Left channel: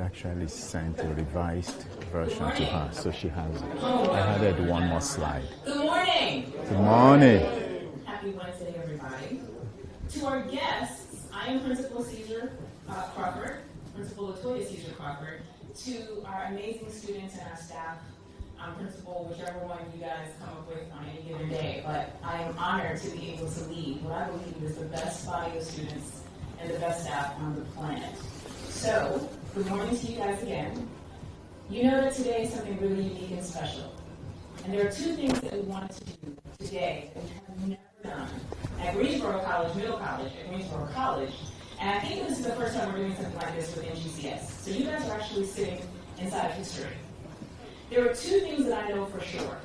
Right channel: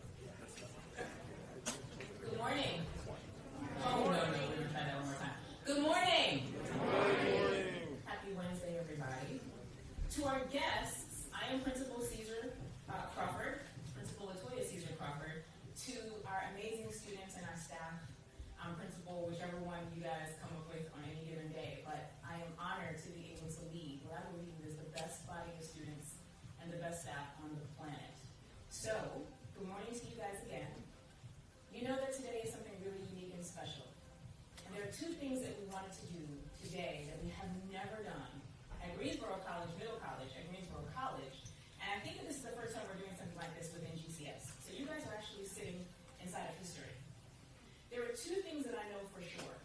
actually sent a revised version to her, so she has it. I added one more slide. Good morning. Good morning. Happy Wednesday, everybody. To our guests, I am Principal Caesar Crawford, Principal Latoya Caesar Crawford. To our amazing students and our staff, I'm Principal, whichever one you guys come up with on any given day. But I am honored to be able to lead what I believe is the best body of students and the best staff on the planet. So, good morning to you guys again. You know that today is something really unique and special. And there are two things that we wanted to do today that we have never done at Greensboro College, Greensboro College. And I think this is the first time we're doing something like this with NGCS. So you guys are actually sitting inside of history. There are two things that I know for sure.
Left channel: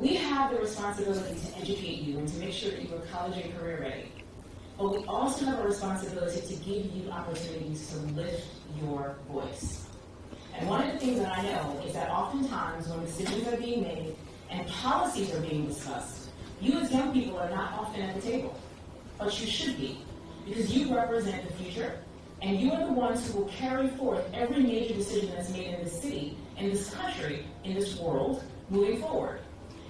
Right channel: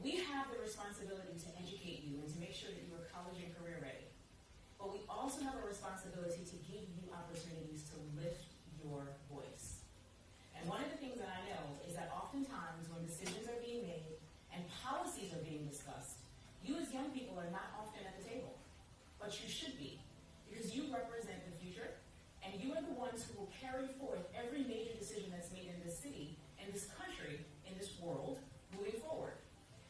We have the responsibility to educate you and to make sure that you are college and career ready. But we also have a responsibility to give you opportunities to lift your voice. And one of the things that I know is that oftentimes when decisions are being made and policies are being discussed, you as young people are not often at the table. But you should be, because you represent the future, and you are the ones who will carry forth every major decision that's made in this city, in this country, in this world, moving forward.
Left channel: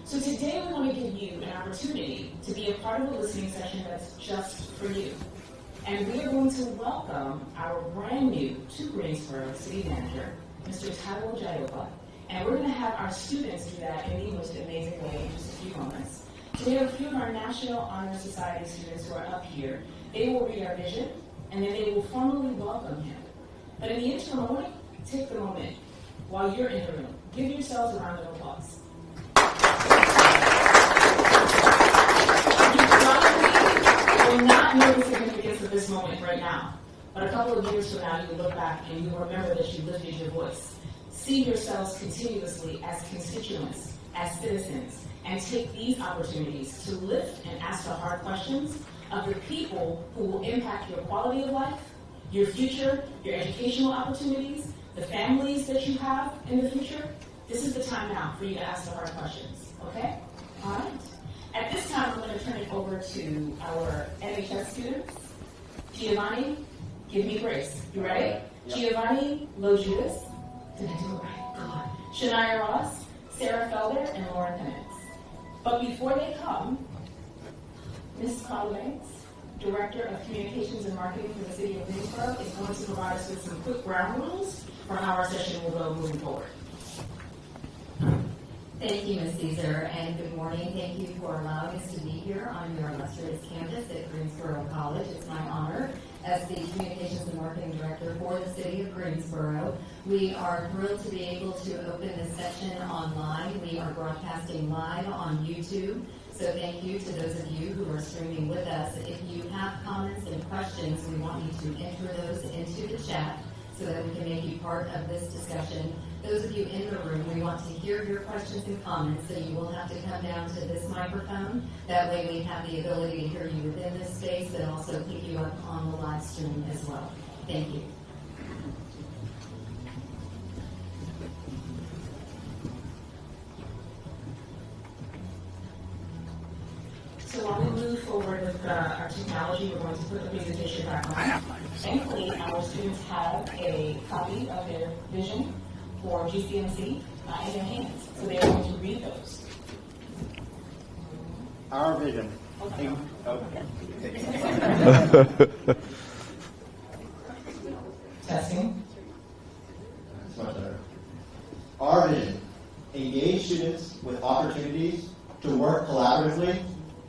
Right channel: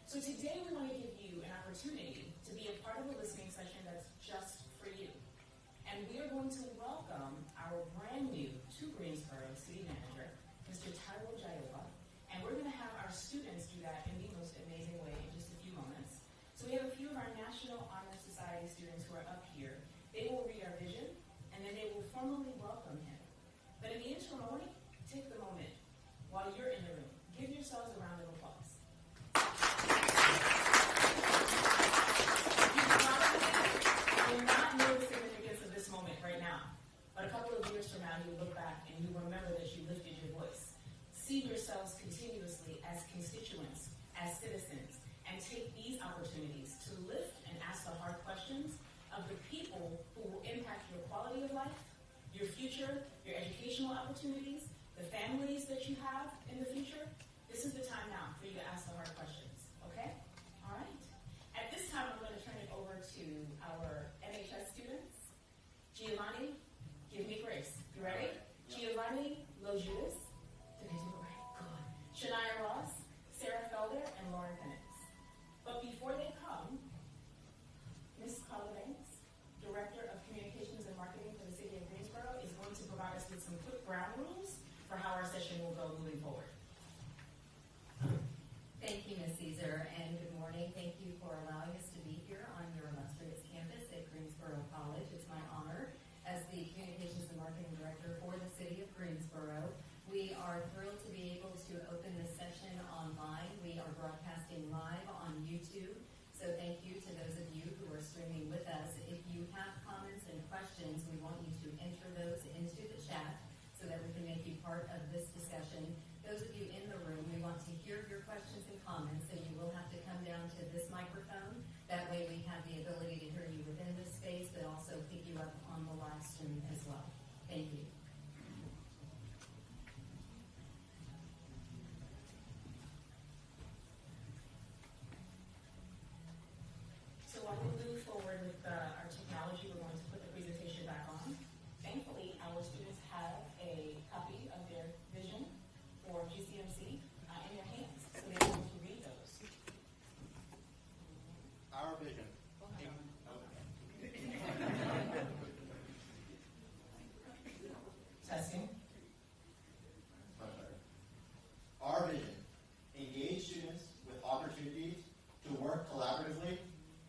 So today we want to give you an opportunity to be a part of a listening session that's just for you. And we are going to welcome our brand new to Greensboro City Manager, Mr. Taiwo Jaiyeoba. And we're going to have our students do that in the most amazing way in just a few moments. So we have a few of our National Honor Society students who are up here. They will read our vision, and then they will formally welcome him. But in the interim moment, take the moment while you're in the room. Give yourselves a round of applause. You probably will not know the significance of this moment right now, but a couple of years from now, you will look back and you will remember that you lifted your voice. See yourselves continuously as constituents, as citizens, and take these opportunities to lift and ask the hard questions of the people who will impact your quality of life, your future, your educational opportunities, the families that you have in the future. This is the time now for you to ask the hard questions, okay? All right. At this time, I'm going to turn it over to our NHS students. Giovanni, give me grace. You ready? Yep. Giovanni Lojudas. Did I do it right? God. Shania Ross, Sarah Felder, and Lauren Penix. But before they come, Ms. Carla Banks, Director of Communications and Marketing for the City of Greensboro, is going to provide us with some quick ground rules for how our session will go moving forward. Thank you, Ms. Caesar, and good morning. Thank you for allowing us to be here on your illustrious campus at Greensboro College. It's my honor as the Communications and Marketing Director for the City of Greensboro. We are thrilled to be able to open this session online. We are broadcasting live on YouTube, so thank you to those of you who are streaming with us. If you have comments and questions, we want you to enter those into the chat so that we can make you part of this discussion. Those of you in the room, we want to hear your questions and comments, so you will have to come down to this microphone. That way we have the ability to hear you within this space, but also pick you up on the live stream as well. Thank you. So while we move forward with our technology, we're going to put the presentation back on. Thankfully, our students have a copy of their vision for GCMC in their hands, so they're going to read those. Our vision. Okay. Testing. That's much better. Our vision. Engage students with opportunities to work collaboratively,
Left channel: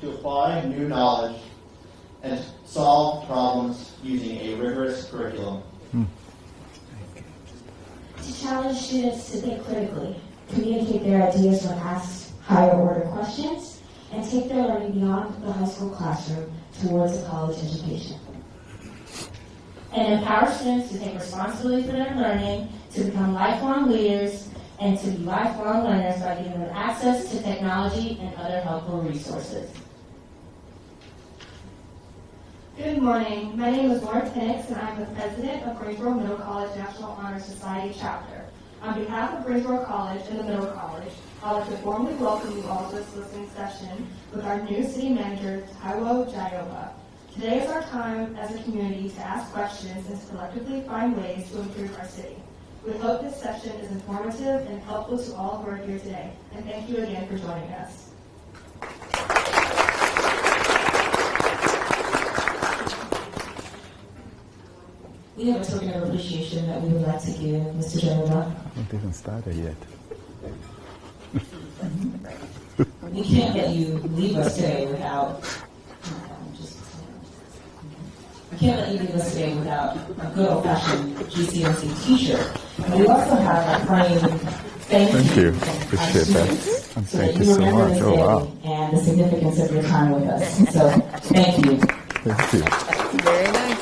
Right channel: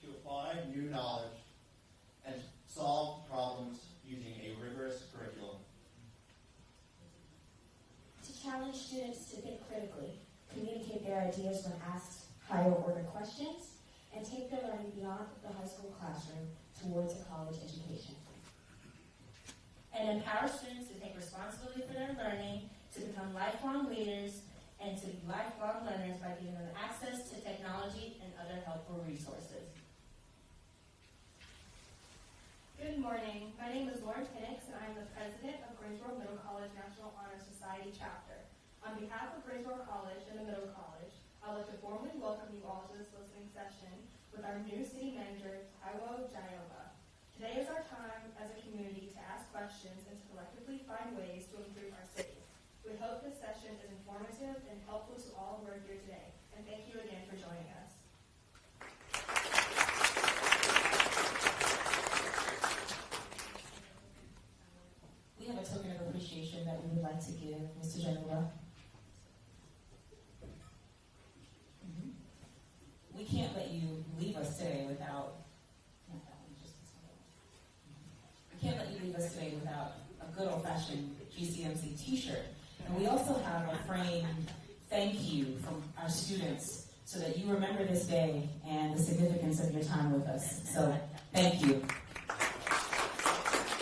to apply new knowledge, and solve problems using a rigorous curriculum. To challenge students to think critically, communicate their ideas when asked higher order questions, and take their learning beyond the high school classroom towards a college education. And empower students to take responsibility for their learning, to become lifelong leaders, and to be lifelong learners by giving them access to technology and other helpful resources. Good morning. My name is Lauren Penix, and I'm the president of Greensboro Middle College National Honor Society Chapter. On behalf of Greensboro College and the Middle College, I'd like to formally welcome you all to this listening session with our new city manager, Taiwo Jaiyeoba. Today is our time as a community to ask questions and to collectively find ways to improve our city. We hope this session is informative and helpful to all who are here today. And thank you again for joining us. We have a token of appreciation that we would like to give Mr. Jaiyeoba. I haven't even started yet. We can't let you leave us today without. We can't let you leave us today without a good old-fashioned GCMC T-shirt. And we also have a frame. Thank you. Appreciate that. And so thank that you so remember much. this Oh day wow. and the significance of your time with us. So thank you. Thank you. Very nice.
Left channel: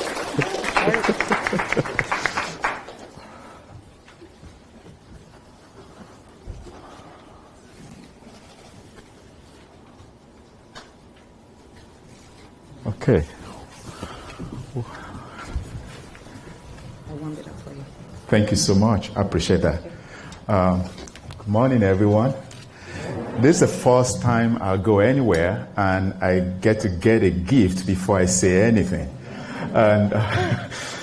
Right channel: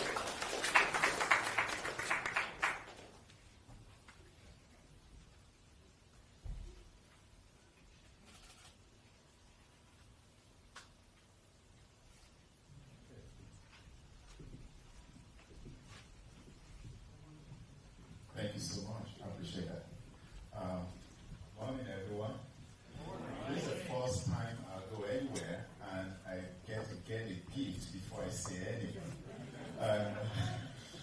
Okay. I warmed it up for you. Thank you so much. I appreciate that. Good morning, everyone. This is the first time I'll go anywhere and I get a gift before I say anything. And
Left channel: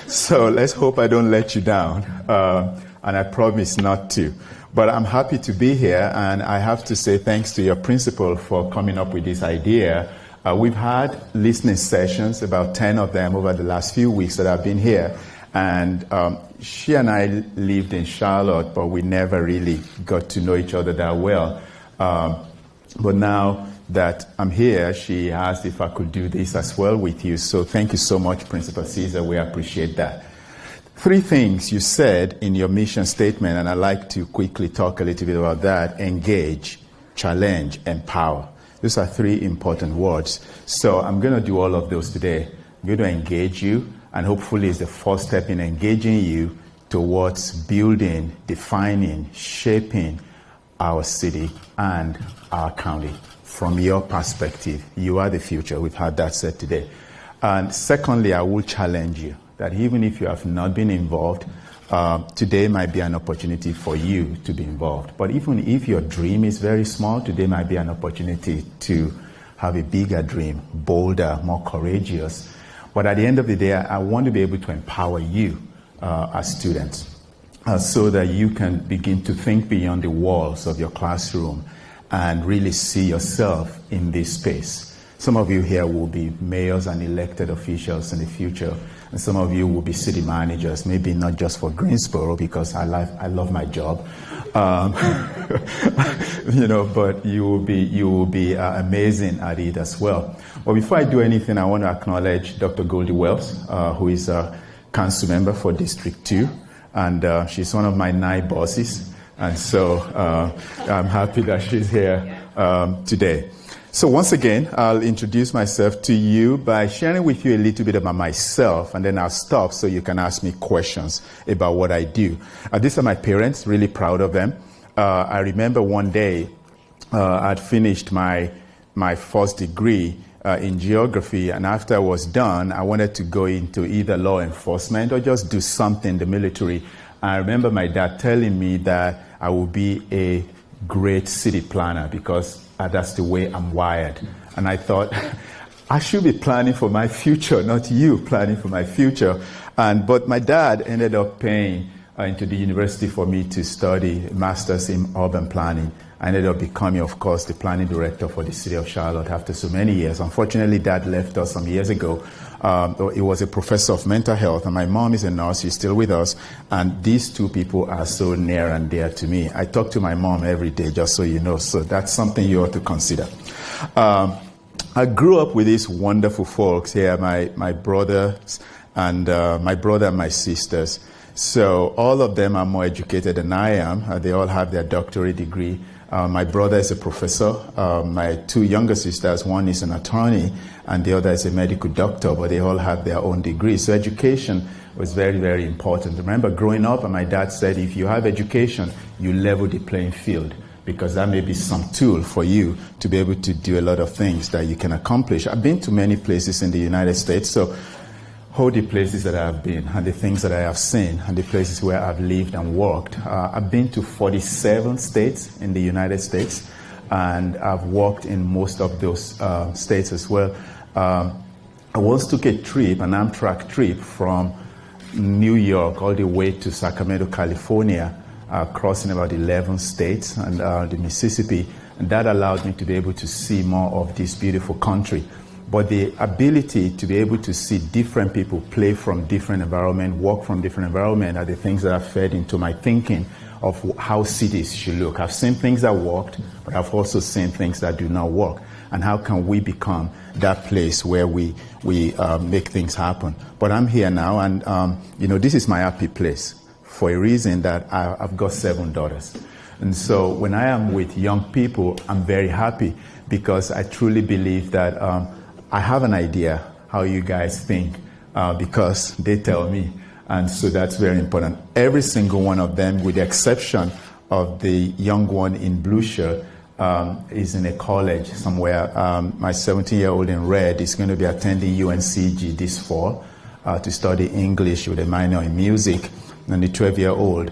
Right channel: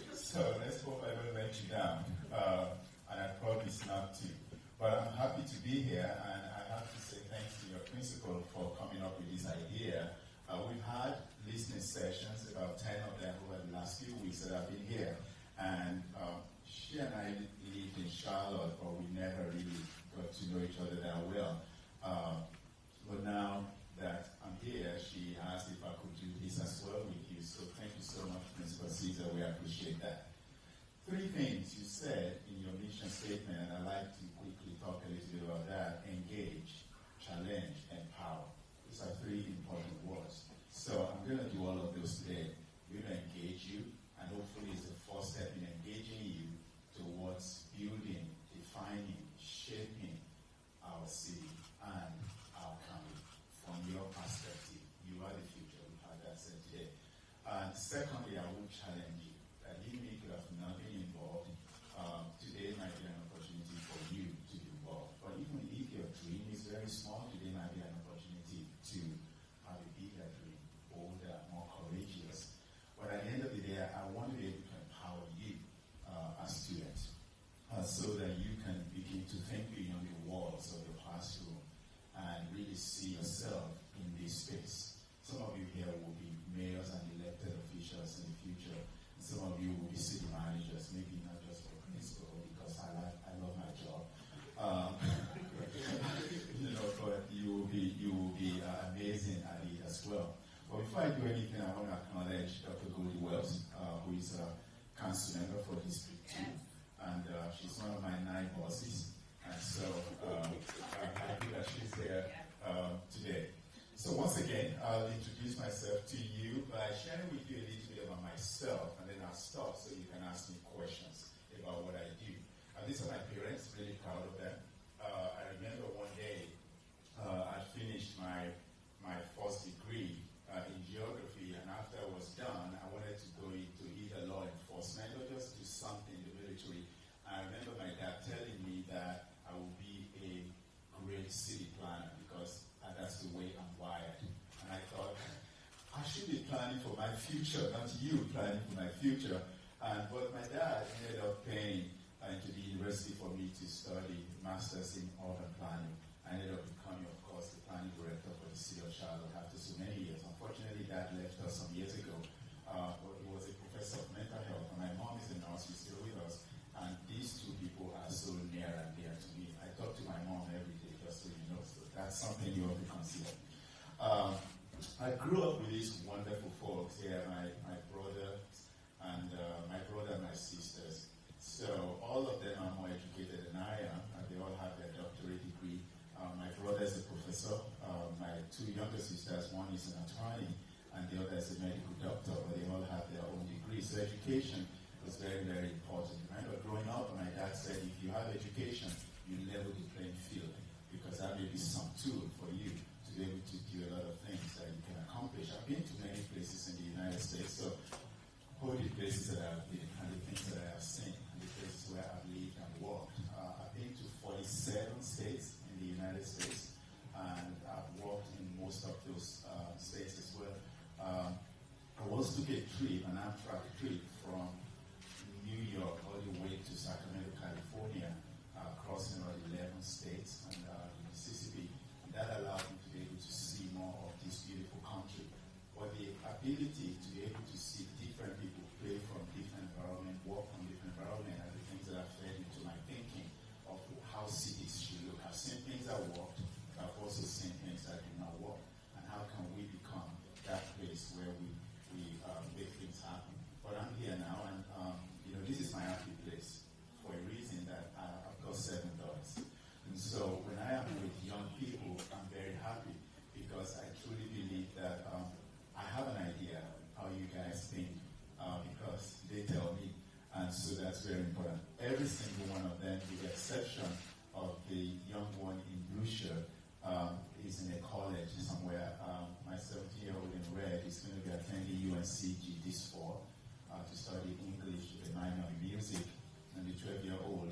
so let's hope I don't let you down. And I promise not to. But I'm happy to be here, and I have to say thanks to your principal for coming up with this idea. We've had listening sessions, about 10 of them over the last few weeks that I've been here. And she and I lived in Charlotte, but we never really got to know each other that well. But now that I'm here, she asked if I could do this as well with you. So thank you so much, Principal Caesar. We appreciate that. 3 things you said in your mission statement, and I'd like to quickly talk a little bit about that: engage, challenge, empower. Those are 3 important words. So I'm going to do all of those today. I'm going to engage you, and hopefully it's the first step in engaging you towards building, defining, shaping our city and our county. From your perspective, you are the future. We've had that said today. And secondly, I will challenge you that even if you have not been involved, today might be an opportunity for you to be involved. But even if your dream is very small, today might be an opportunity to have a bigger dream, bolder, more courageous. But at the end of the day, I want to be able to empower you as students so that you can begin to think beyond the walls of your classroom and really see yourself in this space. Some of you here will be mayors and elected officials in the future, and some of you will be city managers, maybe not just for Greensboro, because I love my job, but you will be amazing at it as well. But before I do anything, I want to acknowledge Dr. Goldie Wells, who is a council member for District 2, and she's one of my 9 bosses, and so I'm happy that she's here today. So once again, I'll introduce myself to you by sharing with you a little bit about myself, and then I'll stop so you can ask me questions about what I do. These are my parents, really proud of them. I remember one day I'd finished my first degree in geography, and after I was done, I wanted to go into either law enforcement or just do something in the military. I remember my dad telling me that I would be a great city planner because that's the way I'm wired. And I thought, I should be planning for my future, not you planning for my future. But my dad ended up paying into the university for me to study a master's in urban planning. I ended up becoming, of course, the planning director for the city of Charlotte after so many years. Unfortunately, Dad left us some years ago. He was a professor of mental health, and my mom is a nurse. She's still with us. And these 2 people are so near and dear to me. I talk to my mom every day, just so you know. So that's something you ought to consider. I grew up with these wonderful folks here, my brothers and my brother and my sisters. So all of them are more educated than I am. They all have their doctorate degree. My brother is a professor. My 2 younger sisters, one is an attorney and the other is a medical doctor, but they all have their own degrees. So education was very, very important. I remember growing up, and my dad said, if you have education, you level the playing field, because that may be some tool for you to be able to do a lot of things that you can accomplish. I've been to many places in the United States, so all the places that I've been and the things that I have seen and the places where I've lived and worked. I've been to 47 states in the United States, and I've worked in most of those states as well. I once took a trip, an Amtrak trip from New York all the way to Sacramento, California, crossing about 11 states and the Mississippi, and that allowed me to be able to see more of this beautiful country. But the ability to be able to see different people play from different environment, work from different environment are the things that have fed into my thinking of how cities should look. I've seen things that worked, but I've also seen things that do not work. And how can we become that place where we make things happen? But I'm here now, and this is my happy place for a reason that I've got 7 daughters. And so when I am with young people, I'm very happy because I truly believe that I have an idea how you guys think because they tell me. And so that's very important. Every single one of them, with the exception of the young one in blue shirt, is in a college somewhere. My 17-year-old in red is going to be attending UNCG this fall to study English with a minor in music. And the 12-year-old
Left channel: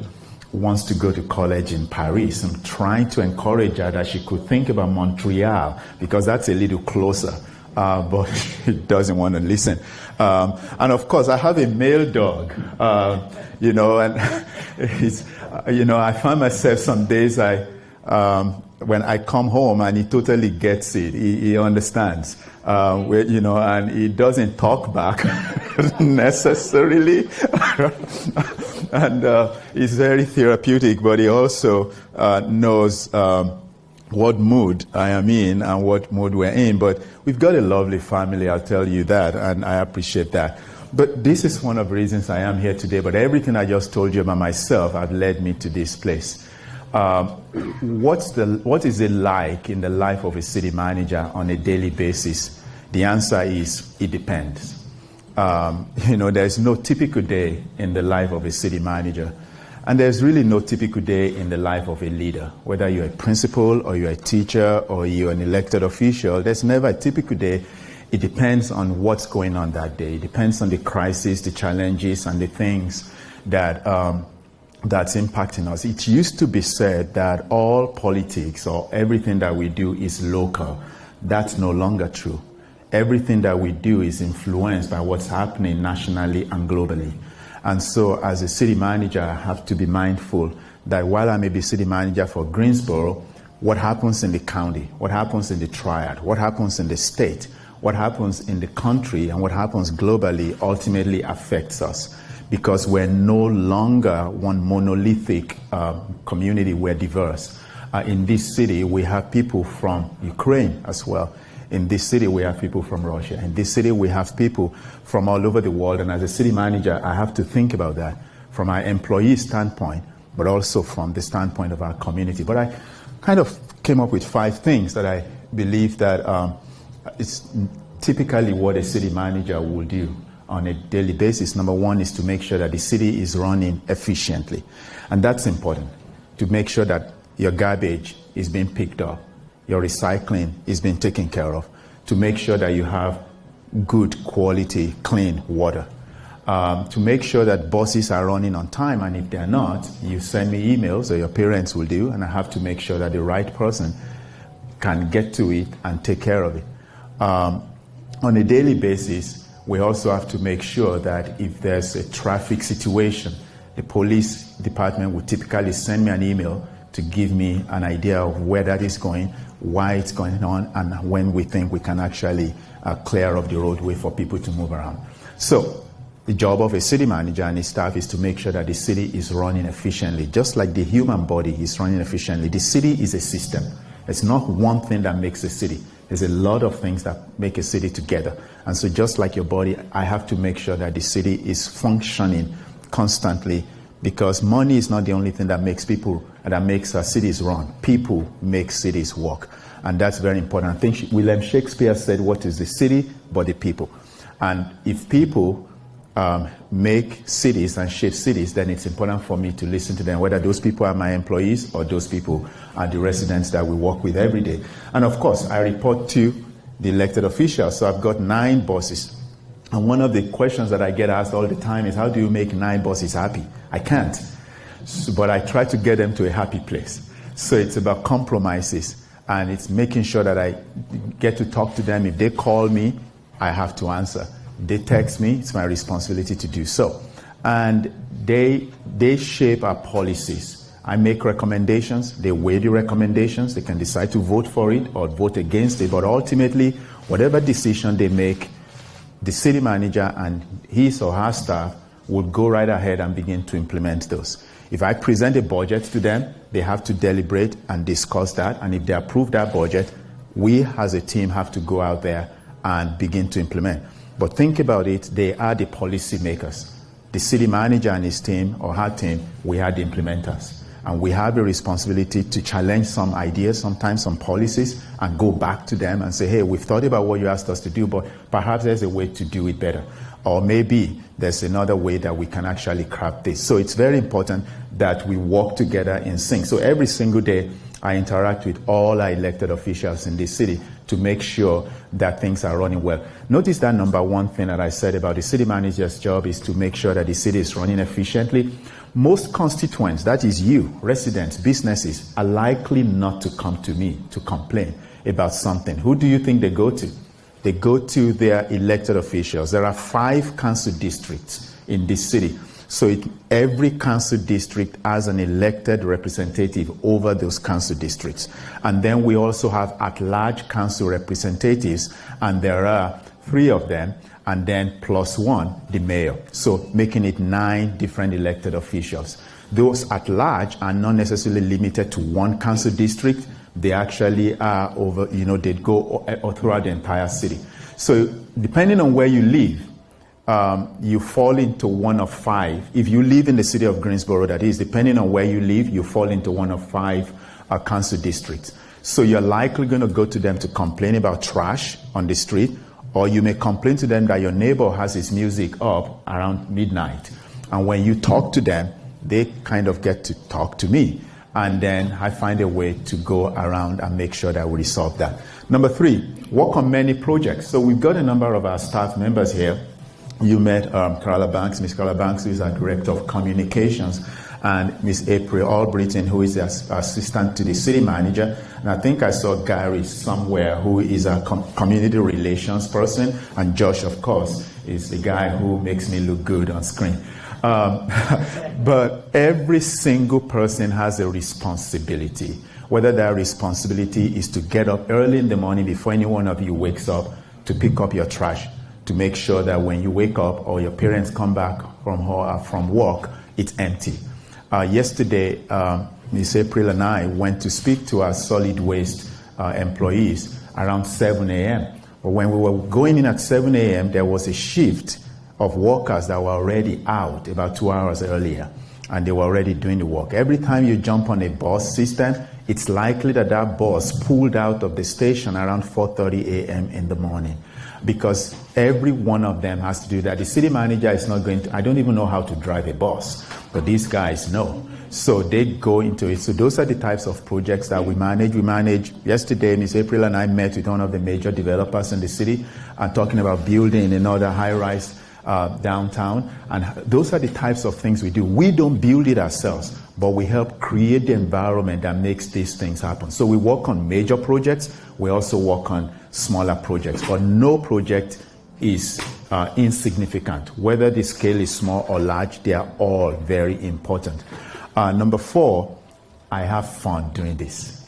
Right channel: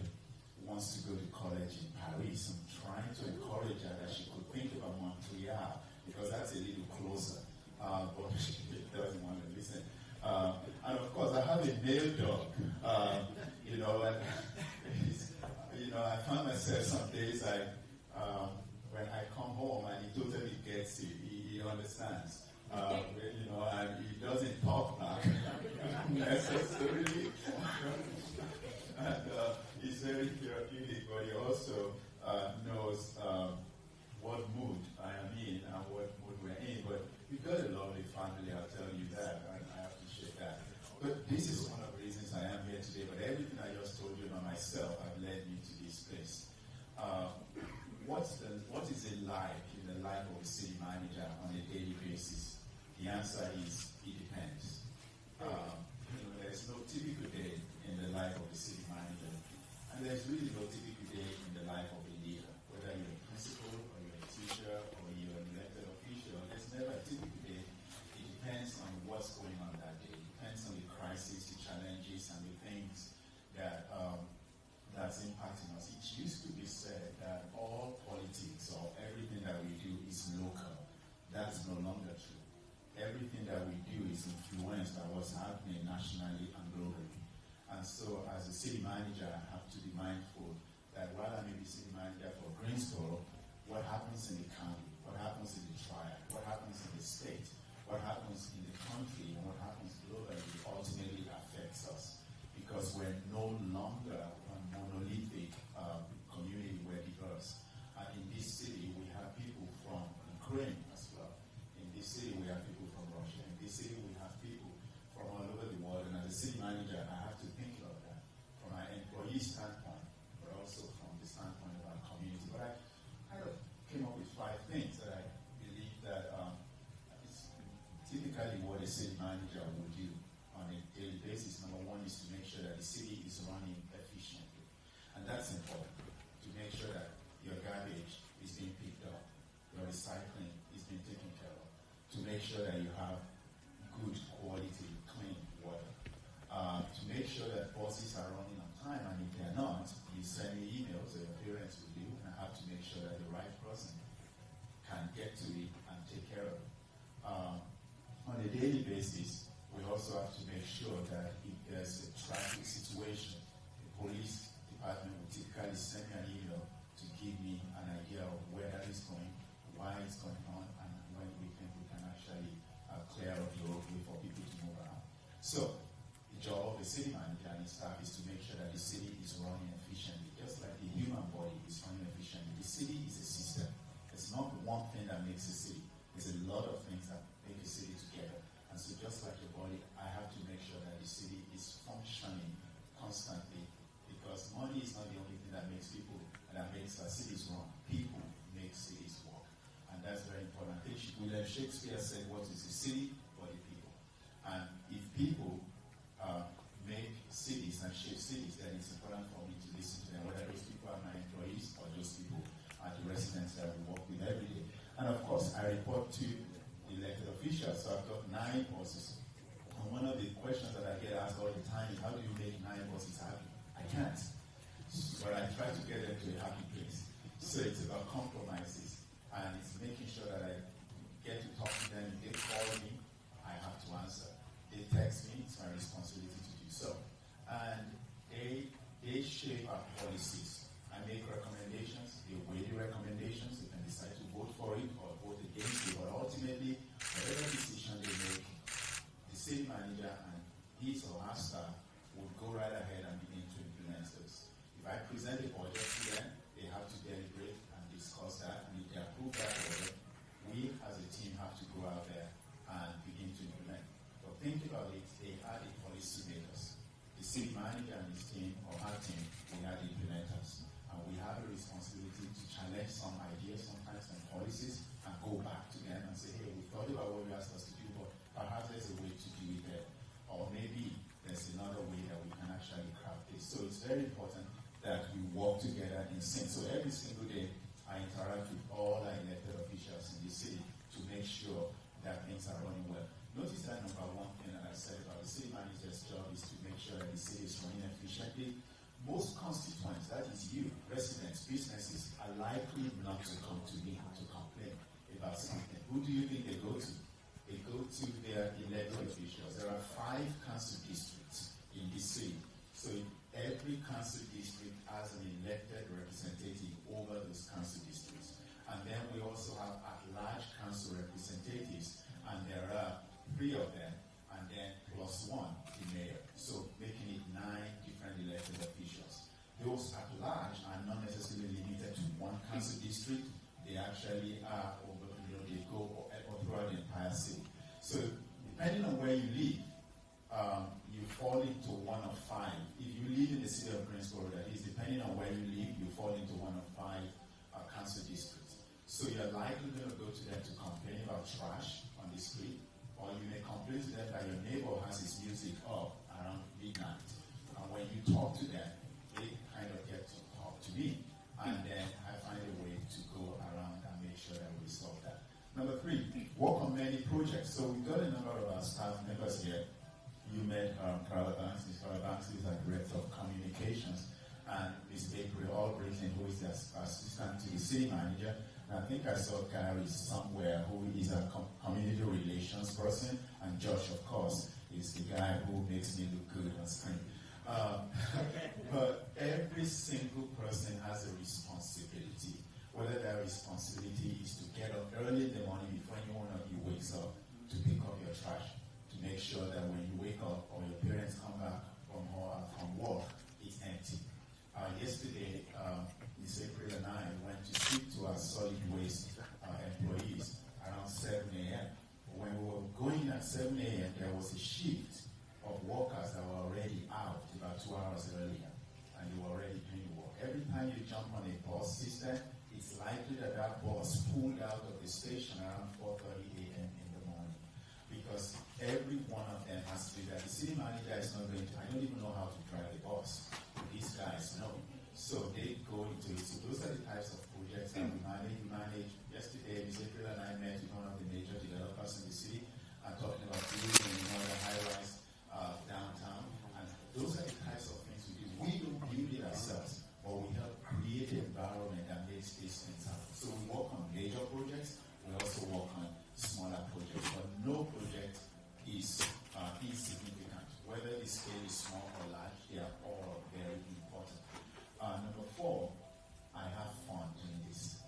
wants to go to college in Paris. I'm trying to encourage her that she could think about Montreal because that's a little closer. But she doesn't want to listen. And of course, I have a male dog, and it's, I find myself some days when I come home and he totally gets it. He understands, and he doesn't talk back necessarily. And it's very therapeutic, but he also knows what mood I am in and what mood we're in. But we've got a lovely family, I'll tell you that, and I appreciate that. But this is one of the reasons I am here today. But everything I just told you about myself have led me to this place. What is it like in the life of a city manager on a daily basis? The answer is it depends. There's no typical day in the life of a city manager. And there's really no typical day in the life of a leader. Whether you're a principal or you're a teacher or you're an elected official, there's never a typical day. It depends on what's going on that day. It depends on the crisis, the challenges, and the things that that's impacting us. It used to be said that all politics or everything that we do is local. That's no longer true. Everything that we do is influenced by what's happening nationally and globally. And so as a city manager, I have to be mindful that while I may be city manager for Greensboro, what happens in the county, what happens in the triad, what happens in the state, what happens in the country, and what happens globally ultimately affects us because we're no longer one monolithic community, we're diverse. In this city, we have people from Ukraine as well. In this city, we have people from Russia. In this city, we have people from all over the world. And as a city manager, I have to think about that from our employee standpoint, but also from the standpoint of our community. But I kind of came up with 5 things that I believe that it's typically what a city manager will do on a daily basis. Number 1 is to make sure that the city is running efficiently. And that's important, to make sure that your garbage is being picked up, your recycling is being taken care of, to make sure that you have good quality, clean water, to make sure that buses are running on time, and if they're not, you send me emails, or your parents will do, and I have to make sure that the right person can get to it and take care of it. On a daily basis, we also have to make sure that if there's a traffic situation, the police department will typically send me an email to give me an idea of where that is going, why it's going on, and when we think we can actually clear up the roadway for people to move around. So the job of a city manager and his staff is to make sure that the city is running efficiently. Just like the human body is running efficiently, the city is a system. It's not one thing that makes a city. There's a lot of things that make a city together. And so just like your body, I have to make sure that the city is functioning constantly, because money is not the only thing that makes cities run. People make cities work, and that's very important. I think William Shakespeare said, "What is the city but the people?" And if people make cities and shape cities, then it's important for me to listen to them, whether those people are my employees or those people are the residents that we work with every day. And of course, I report to the elected officials, so I've got 9 bosses. And one of the questions that I get asked all the time is, how do you make 9 bosses happy? I can't, but I try to get them to a happy place. So it's about compromises, and it's making sure that I get to talk to them. If they call me I have to answer. They text me, it's my responsibility to do so. And they shape our policies. I make recommendations, they weigh the recommendations, they can decide to vote for it or vote against it, but ultimately, whatever decision they make, the city manager and his or her staff would go right ahead and begin to implement those. If I present a budget to them, they have to deliberate and discuss that, and if they approve that budget, we as a team have to go out there and begin to implement. But think about it, they are the policy makers. The city manager and his team or her team, we are the implementers. And we have a responsibility to challenge some ideas, sometimes some policies, and go back to them and say, hey, we've thought about what you asked us to do, but perhaps there's a way to do it better. Or maybe there's another way that we can actually craft this. So it's very important that we work together in sync. So every single day, I interact with all our elected officials in this city to make sure that things are running well. Notice that number one thing that I said about the city manager's job is to make sure that the city is running efficiently. Most constituents, that is you, residents, businesses, are likely not to come to me to complain about something. Who do you think they go to? They go to their elected officials. There are 5 council districts in this city. So every council district has an elected representative over those council districts. And then we also have at-large council representatives, and there are 3 of them, and then plus 1, the mayor. So making it 9 different elected officials. Those at large are not necessarily limited to one council district. They actually are over, they go throughout the entire city. So depending on where you live, you fall into one of 5. If you live in the city of Greensboro, that is, depending on where you live, you fall into one of 5 council districts. So you're likely going to go to them to complain about trash on the street, or you may complain to them that your neighbor has his music up around midnight. And when you talk to them, they kind of get to talk to me. And then I find a way to go around and make sure that we resolve that. Number 3, work on many projects. So we've got a number of our staff members here. You met Carla Banks, Miss Carla Banks, who is our Director of Communications, and Miss April Albritton, who is the assistant to the city manager. And I think I saw Gary somewhere, who is a community relations person, and Josh, of course, is the guy who makes me look good on screen. But every single person has a responsibility, whether that responsibility is to get up early in the morning before any one of you wakes up to pick up your trash, to make sure that when you wake up or your parents come back from work, it's empty. Yesterday, Ms. April and I went to speak to our solid waste employees around 7 a.m. But when we were going in at 7 a.m., there was a shift of workers that were already out about 2 hours earlier, and they were already doing the work. Every time you jump on a bus system, it's likely that that bus pulled out of the station around 4:30 a.m. in the morning, because every one of them has to do that. The city manager is not going to, I don't even know how to drive a bus, but these guys know. So they go into it. So those are the types of projects that we manage. We manage, yesterday, Ms. April and I met with one of the major developers in the city and talking about building another high-rise downtown. And those are the types of things we do. We don't build it ourselves, but we help create the environment that makes these things happen. So we work on major projects. We also work on smaller projects, but no project is insignificant. Whether the scale is small or large, they are all very important. Number 4, I have fun doing this.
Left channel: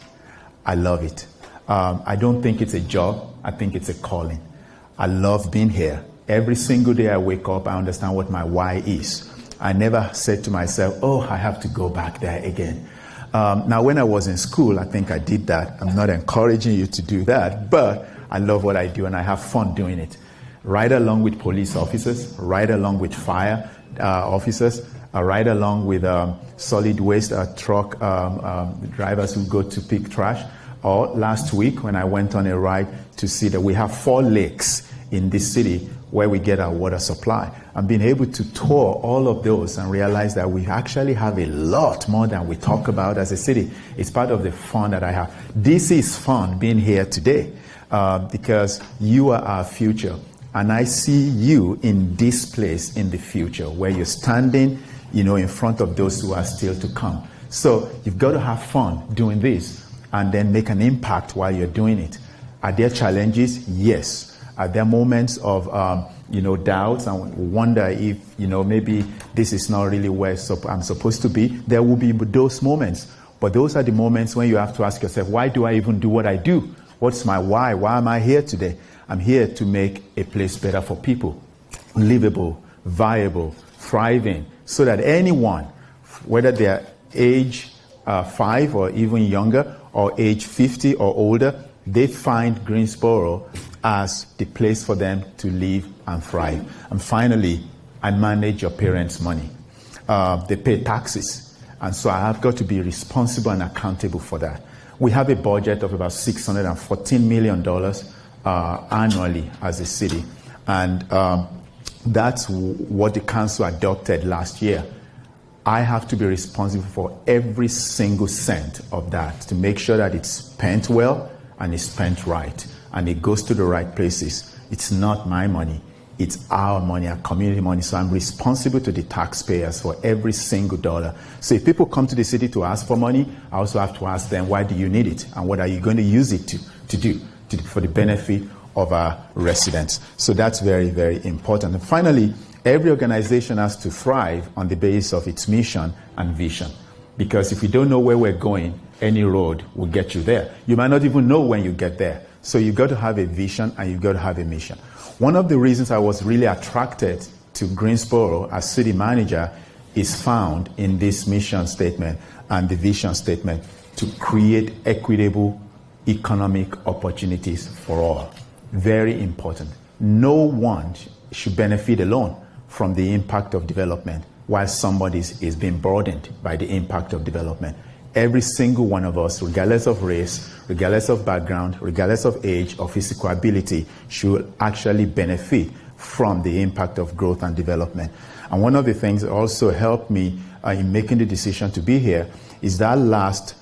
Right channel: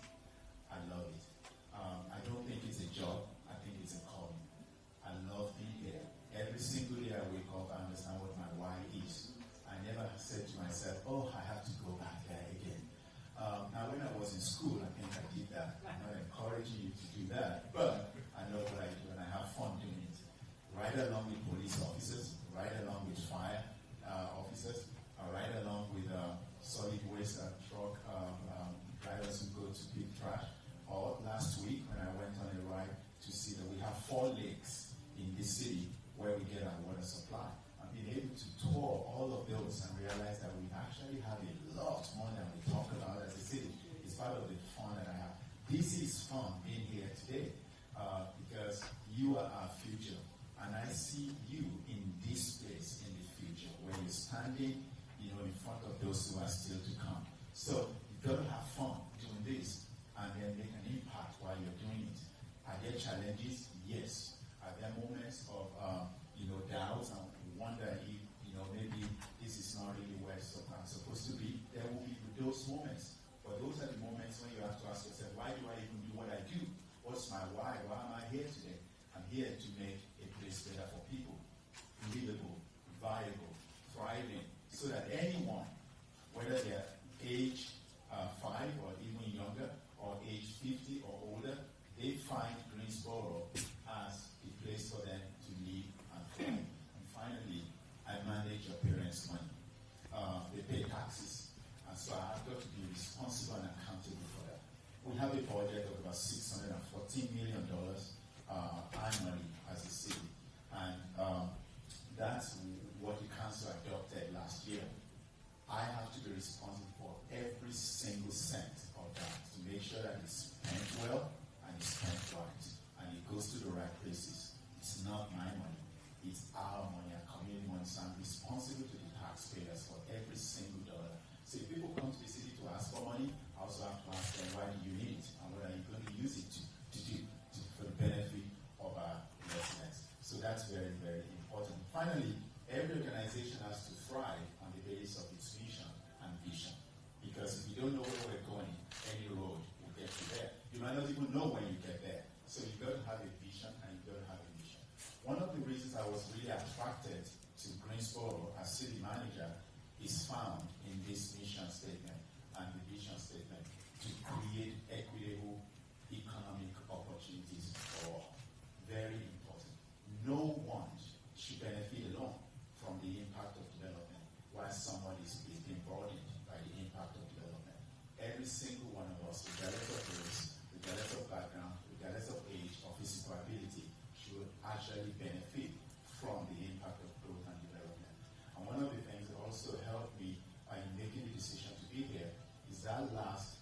I love it. I don't think it's a job. I think it's a calling. I love being here. Every single day I wake up, I understand what my why is. I never said to myself, oh, I have to go back there again. Now, when I was in school, I think I did that. I'm not encouraging you to do that, but I love what I do and I have fun doing it. Right along with police officers, right along with fire officers, right along with solid waste truck drivers who go to pick trash. Or last week when I went on a ride to see that we have 4 lakes in this city where we get our water supply. And being able to tour all of those and realize that we actually have a lot more than we talk about as a city. It's part of the fun that I have. This is fun being here today because you are our future. And I see you in this place in the future where you're standing, in front of those who are still to come. So you've got to have fun doing this and then make an impact while you're doing it. Are there challenges? Yes. Are there moments of doubts and wonder if maybe this is not really where I'm supposed to be? There will be those moments. But those are the moments when you have to ask yourself, why do I even do what I do? What's my why? Why am I here today? I'm here to make a place better for people, livable, viable, thriving, so that anyone, whether they're age 5 or even younger, or age 50 or older, they find Greensboro as the place for them to live and thrive. And finally, I manage your parents' money. They pay taxes, and so I have got to be responsible and accountable for that. We have a budget of about $614 million annually as a city, and that's what the council adopted last year. I have to be responsible for every single cent of that to make sure that it's spent well and it's spent right and it goes to the right places. It's not my money, it's our money, our community money. So I'm responsible to the taxpayers for every single dollar. So if people come to the city to ask for money, I also have to ask them, why do you need it? And what are you going to use it to do for the benefit of our residents? So that's very, very important. And finally, every organization has to thrive on the basis of its mission and vision. Because if you don't know where we're going, any road will get you there. You might not even know when you get there. So you've got to have a vision and you've got to have a mission. One of the reasons I was really attracted to Greensboro as city manager is found in this mission statement and the vision statement to create equitable economic opportunities for all. Very important. No one should benefit alone from the impact of development, while somebody is being burdened by the impact of development. Every single one of us, regardless of race, regardless of background, regardless of age or physical ability, should actually benefit from the impact of growth and development. And one of the things that also helped me in making the decision to be here is that last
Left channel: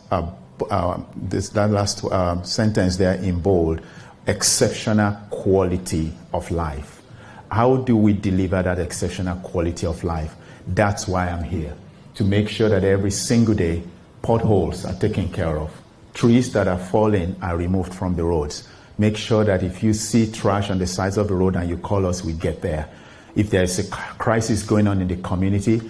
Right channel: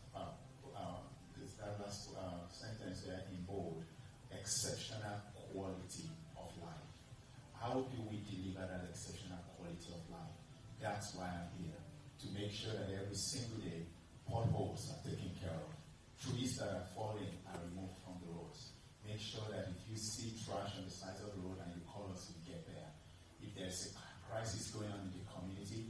sentence there in bold: exceptional quality of life. How do we deliver that exceptional quality of life? That's why I'm here, to make sure that every single day potholes are taken care of, trees that are falling are removed from the roads. Make sure that if you see trash on the sides of the road and you call us, we get there. If there's a crisis going on in the community,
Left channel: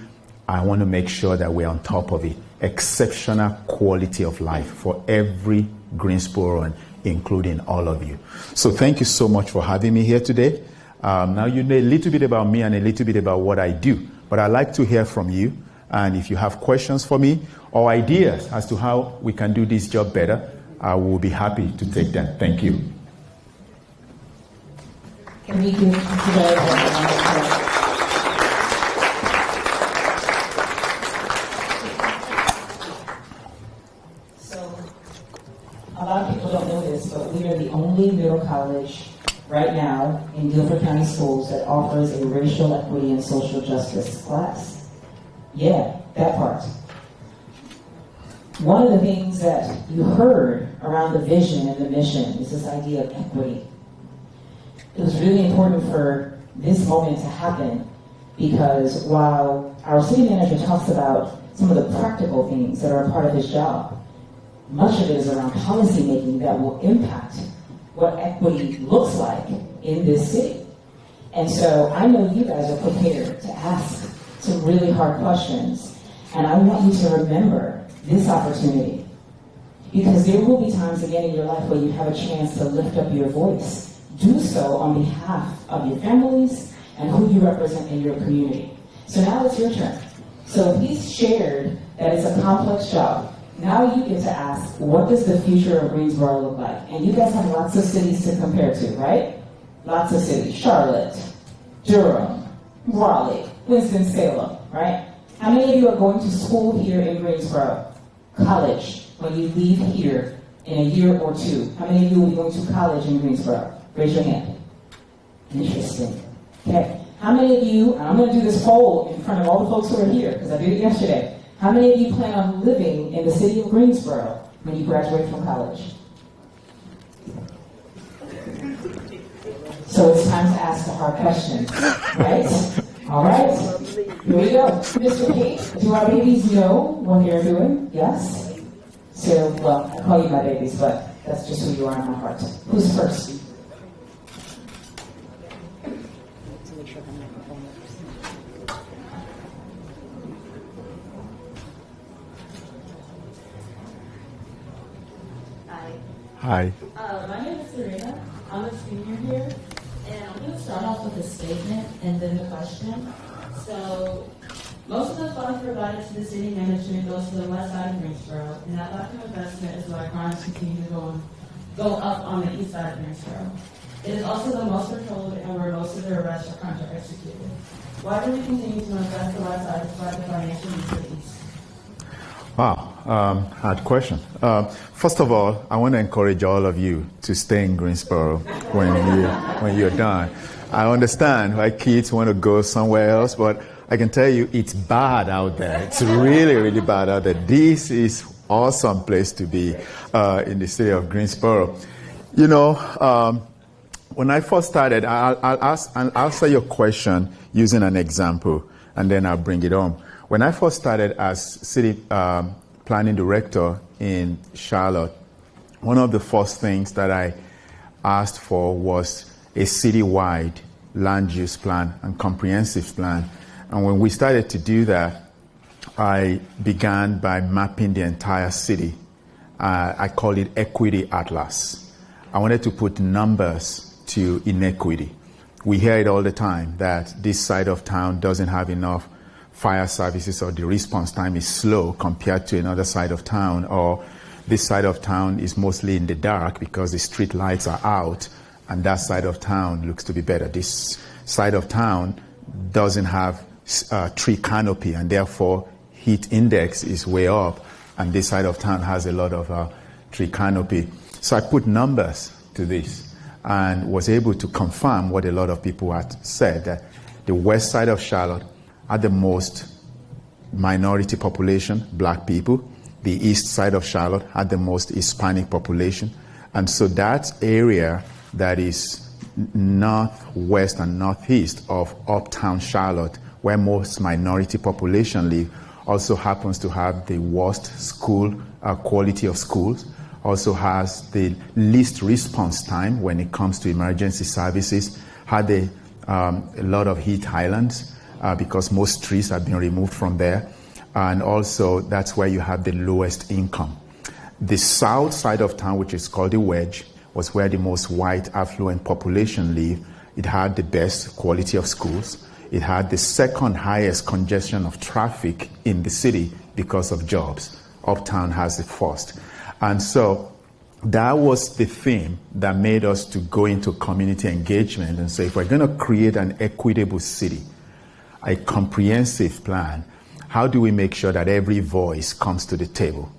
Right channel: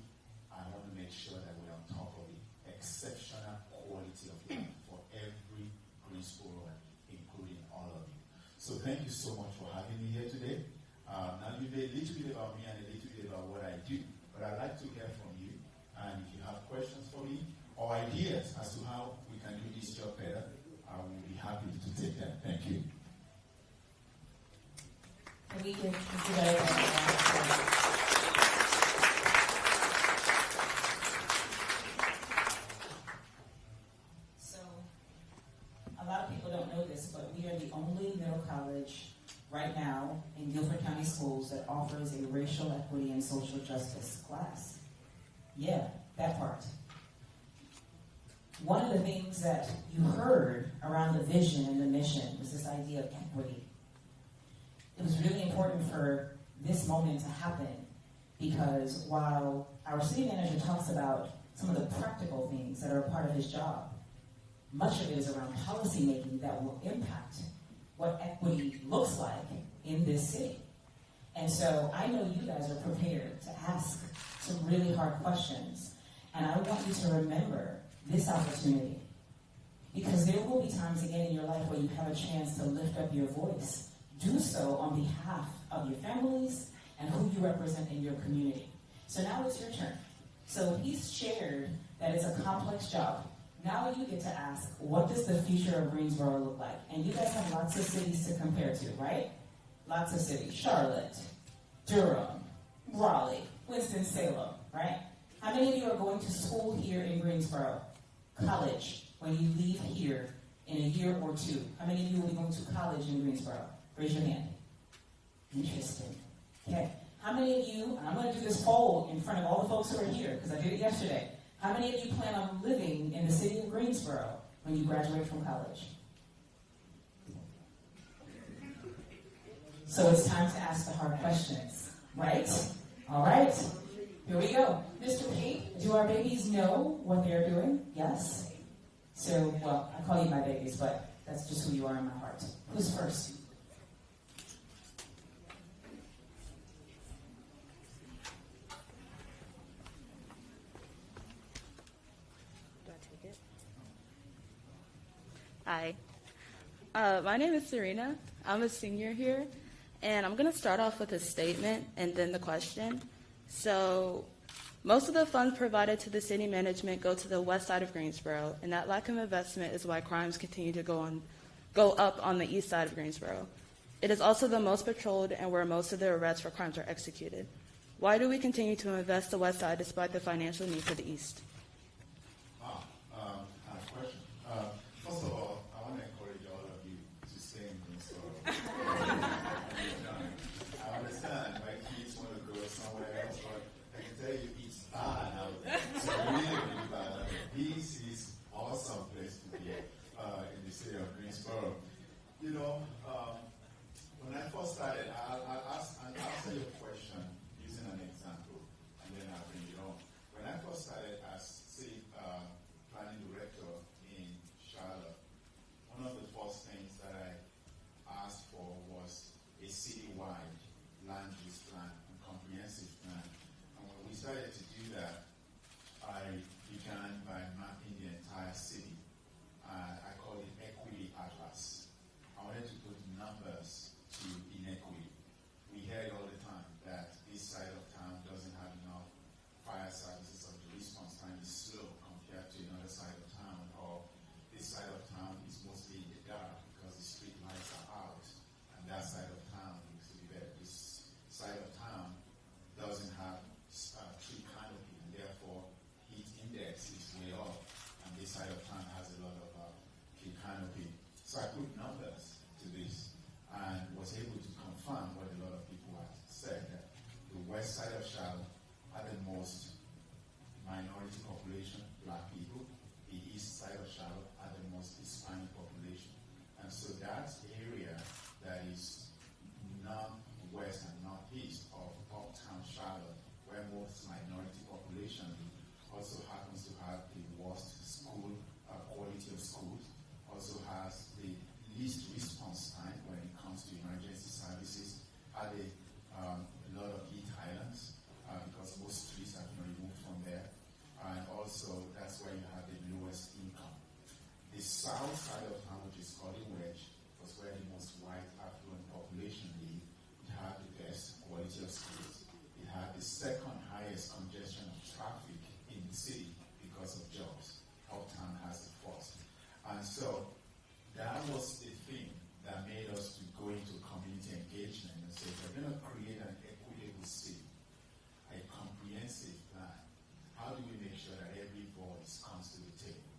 I want to make sure that we're on top of it. Exceptional quality of life for every Greensboroan, including all of you. So thank you so much for having me here today. Now you know a little bit about me and a little bit about what I do, but I'd like to hear from you. And if you have questions for me or ideas as to how we can do this job better, I will be happy to take them. Thank you. Can we do today? So, a lot of people don't know this, but we are the only middle college right now in Guilford County Schools that offers a racial equity and social justice class. Yeah, that part. One of the things that you heard around the vision and the mission is this idea of equity. It was really important for this moment to happen because while our city manager talks about some of the practical things that are a part of his job, much of it is around policy making that will impact what equity looks like in this city. And so I know you guys are prepared to ask some really hard questions. And I want you to remember this opportunity. Because there will be times again in your life where you have a chance to lift up your voice. Do so on behalf of your families and who you represent in your community. So now it's your turn. So he's shared that it's a complex job. Now you get to ask, what does the future of Greensboro look like? And you guys have lots of cities to compare to, right? Lots of cities. Charlotte, Durham, Raleigh, Winston-Salem, right? How many of you are going to school here in Greensboro? College, when you leave here in a year or two. How many of you will be going to college in Greensboro? Raise your hand. Interesting. Okay. How many of you, and I'm going to do this poll in front of all the folks who are here, because I did it yesterday. How many of you plan on living in the city of Greensboro when you graduate from college? So it's time to ask the hard questions, right? All right, here we go. Mr. Pate, do our babies know what they're doing? Yes? So, well, I call you my babies, but that's just who you are in my heart. Who's first? Hi. My name is Serena. I'm a senior here, and I'm going to start off with a statement and then the question. So, most of the funds provided to the city management go to the west side of Greensboro, and that lack of investment is why crimes continue to go up on the east side of Greensboro. It is also the most controlled and where most of the arrests for crimes are executed. Why do we continue to invest the west side despite the financial needs of the east? Wow, hard question. First of all, I want to encourage all of you to stay in Greensboro when you're done. I understand why kids want to go somewhere else, but I can tell you it's bad out there. It's really, really bad out there. This is awesome place to be in the city of Greensboro. You know, when I first started, I'll answer your question using an example, and then I'll bring it home. When I first started as city planning director in Charlotte, one of the first things that I asked for was a citywide land use plan and comprehensive plan. And when we started to do that, I began by mapping the entire city. I call it Equity Atlas. I wanted to put numbers to inequity. We hear it all the time that this side of town doesn't have enough fire services, or the response time is slow compared to another side of town, or this side of town is mostly in the dark because the street lights are out, and that side of town looks to be better. This side of town doesn't have tree canopy, and therefore heat index is way up, and this side of town has a lot of tree canopy. So I put numbers to this and was able to confirm what a lot of people had said, that the west side of Charlotte had the most minority population, black people. The east side of Charlotte had the most Hispanic population. And so that area that is northwest and northeast of uptown Charlotte, where most minority population live, also happens to have the worst school quality of schools, also has the least response time when it comes to emergency services, had a lot of heat islands because most trees have been removed from there, and also that's where you have the lowest income. The south side of town, which is called the Wedge, was where the most white affluent population live. It had the best quality of schools. It had the second highest congestion of traffic in the city because of jobs. Uptown has the first. And so that was the theme that made us to go into community engagement and say, if we're going to create an equitable city, a comprehensive plan, how do we make sure that every voice comes to the table?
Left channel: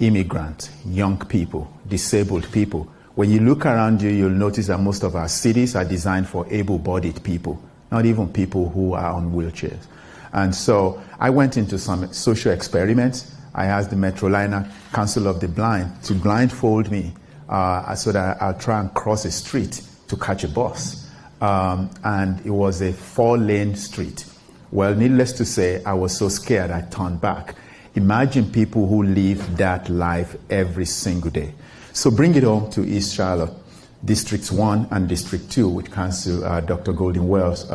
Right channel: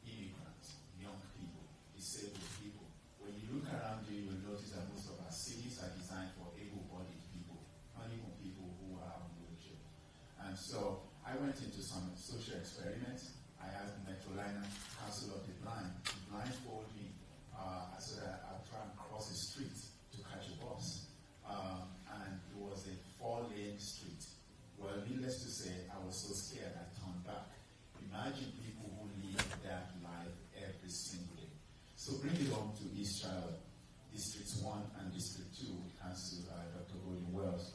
Immigrants, young people, disabled people. When you look around you, you'll notice that most of our cities are designed for able-bodied people, not even people who are on wheelchairs. And so I went into some social experiments. I asked the Redlining Council of the Blind to blindfold me so that I'll try and cross a street to catch a bus. And it was a 4-lane street. Well, needless to say, I was so scared I turned back. Imagine people who live that life every single day. So bring it home to East Charlotte, Districts 1 and District 2, which Council Dr. Goldie Wells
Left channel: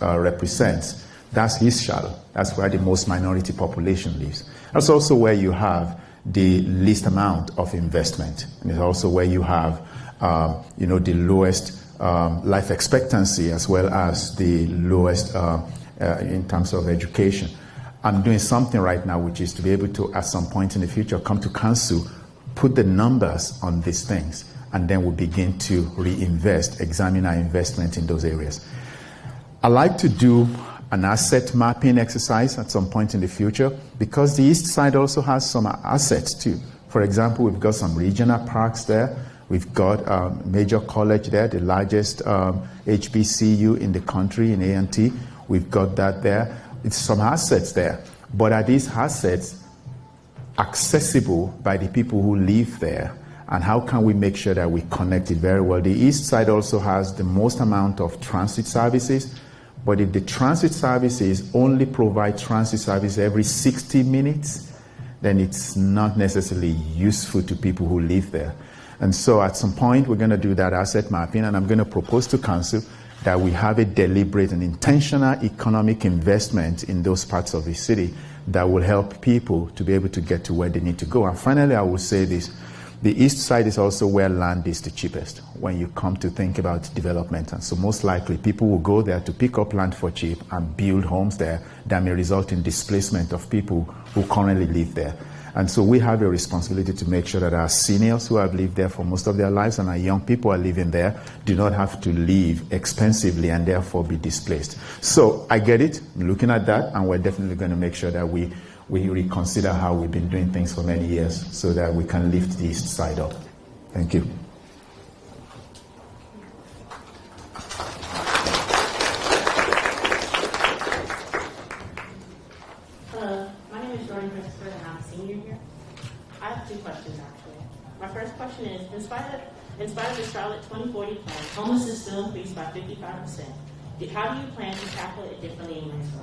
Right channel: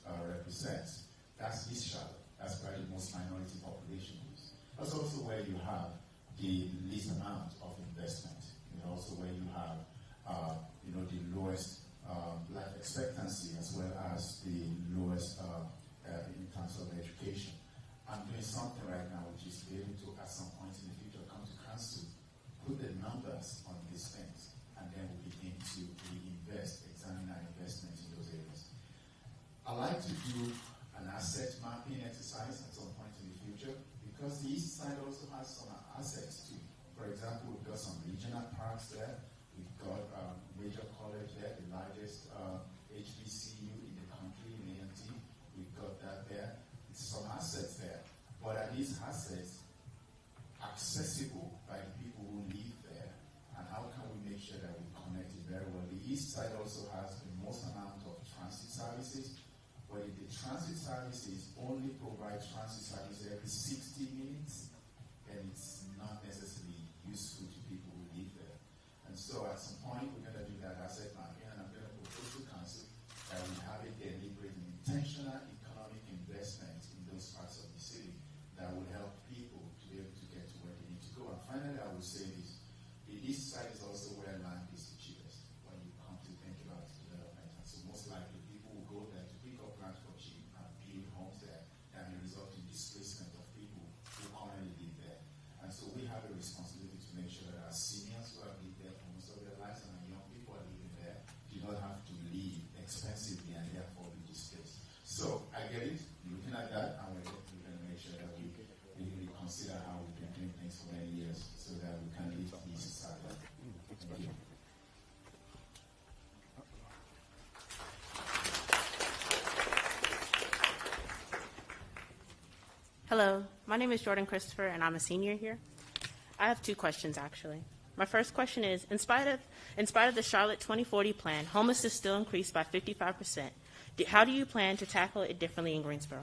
represents. That's East Charlotte. That's where the most minority population lives. That's also where you have the least amount of investment. And it's also where you have the lowest life expectancy, as well as the lowest in terms of education. I'm doing something right now, which is to be able to, at some point in the future, come to council, put the numbers on these things, and then we'll begin to reinvest, examine our investment in those areas. I like to do an asset mapping exercise at some point in the future, because the east side also has some assets too. For example, we've got some regional parks there. We've got Major College there, the largest HBCU in the country in A&T. We've got that there. It's some assets there. But are these assets accessible by the people who live there? And how can we make sure that we connect it very well? The east side also has the most amount of transit services. But if the transit services only provide transit service every 60 minutes, then it's not necessarily useful to people who live there. And so at some point, we're going to do that asset mapping, and I'm going to propose to council that we have a deliberate and intentional economic investment in those parts of the city that will help people to be able to get to where they need to go. And finally, I will say this. The east side is also where land is the cheapest when you come to think about development. And so most likely people will go there to pick up land for cheap and build homes there that may result in displacement of people who currently live there. And so we have a responsibility to make sure that our seniors who have lived there for most of their lives and our young people who are living there do not have to live expensively and therefore be displaced. So I get it, I'm looking at that, and we're definitely going to make sure that we reconsider how we've been doing things for many years so that we can lift the east side up. Thank you. Hello, my name is Jordan Christopher, and I'm a senior here. I have two questions, actually. My first question is, in spite of the Charlotte 2040 plan, homelessness still increased by 55%. How do you plan to tackle it differently in Greensboro?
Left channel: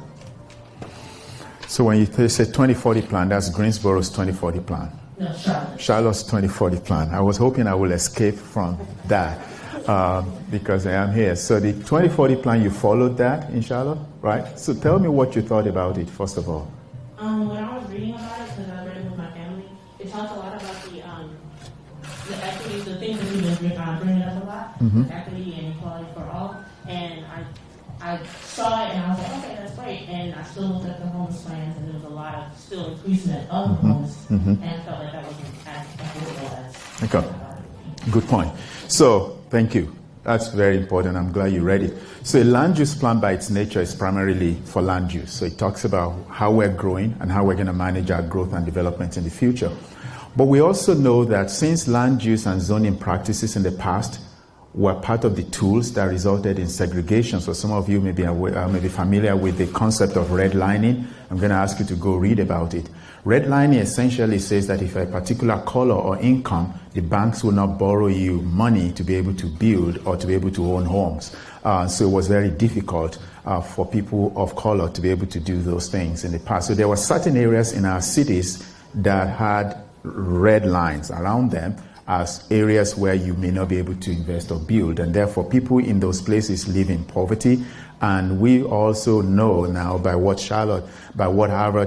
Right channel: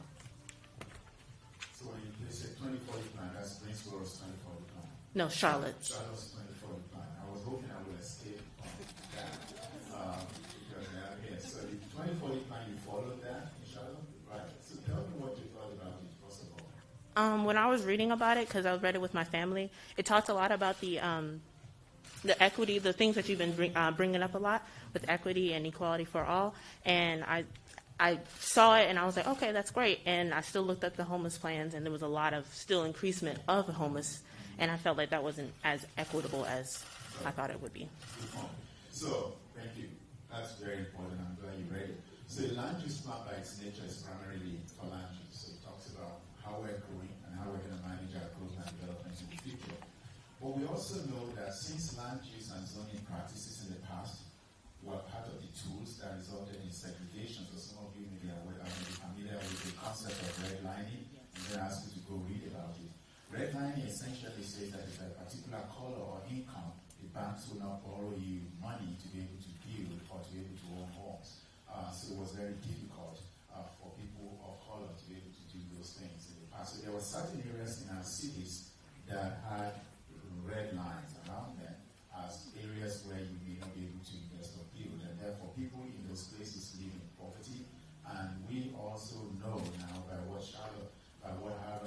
So when you say 2040 plan, that's Greensboro's 2040 plan. No, Charlotte. Charlotte's 2040 plan. I was hoping I will escape from that because I am here. So the 2040 plan, you followed that in Charlotte, right? So tell me what you thought about it, first of all. When I was reading about it, because I was reading it with my family, it talked a lot about the equity, the things that you've been bringing up a lot, with equity and equality for all. And I saw it and I was like, okay, that's great. And I still looked at the homeless plans, and there was a lot of still increasement of the homeless, and I felt like that wasn't as equitable as I thought it would be. Good point. So thank you. That's very important. I'm glad you read it. So a land use plan by its nature is primarily for land use. So it talks about how we're growing and how we're going to manage our growth and development in the future. But we also know that since land use and zoning practices in the past were part of the tools that resulted in segregation. So some of you may be familiar with the concept of redlining. I'm going to ask you to go read about it. Redlining essentially says that if a particular color or income, the banks will not borrow you money to be able to build or to be able to own homes. So it was very difficult for people of color to be able to do those things in the past. So there were certain areas in our cities that had red lines around them as areas where you may not be able to invest or build. And therefore, people in those places live in poverty. And we also know now by what Harvard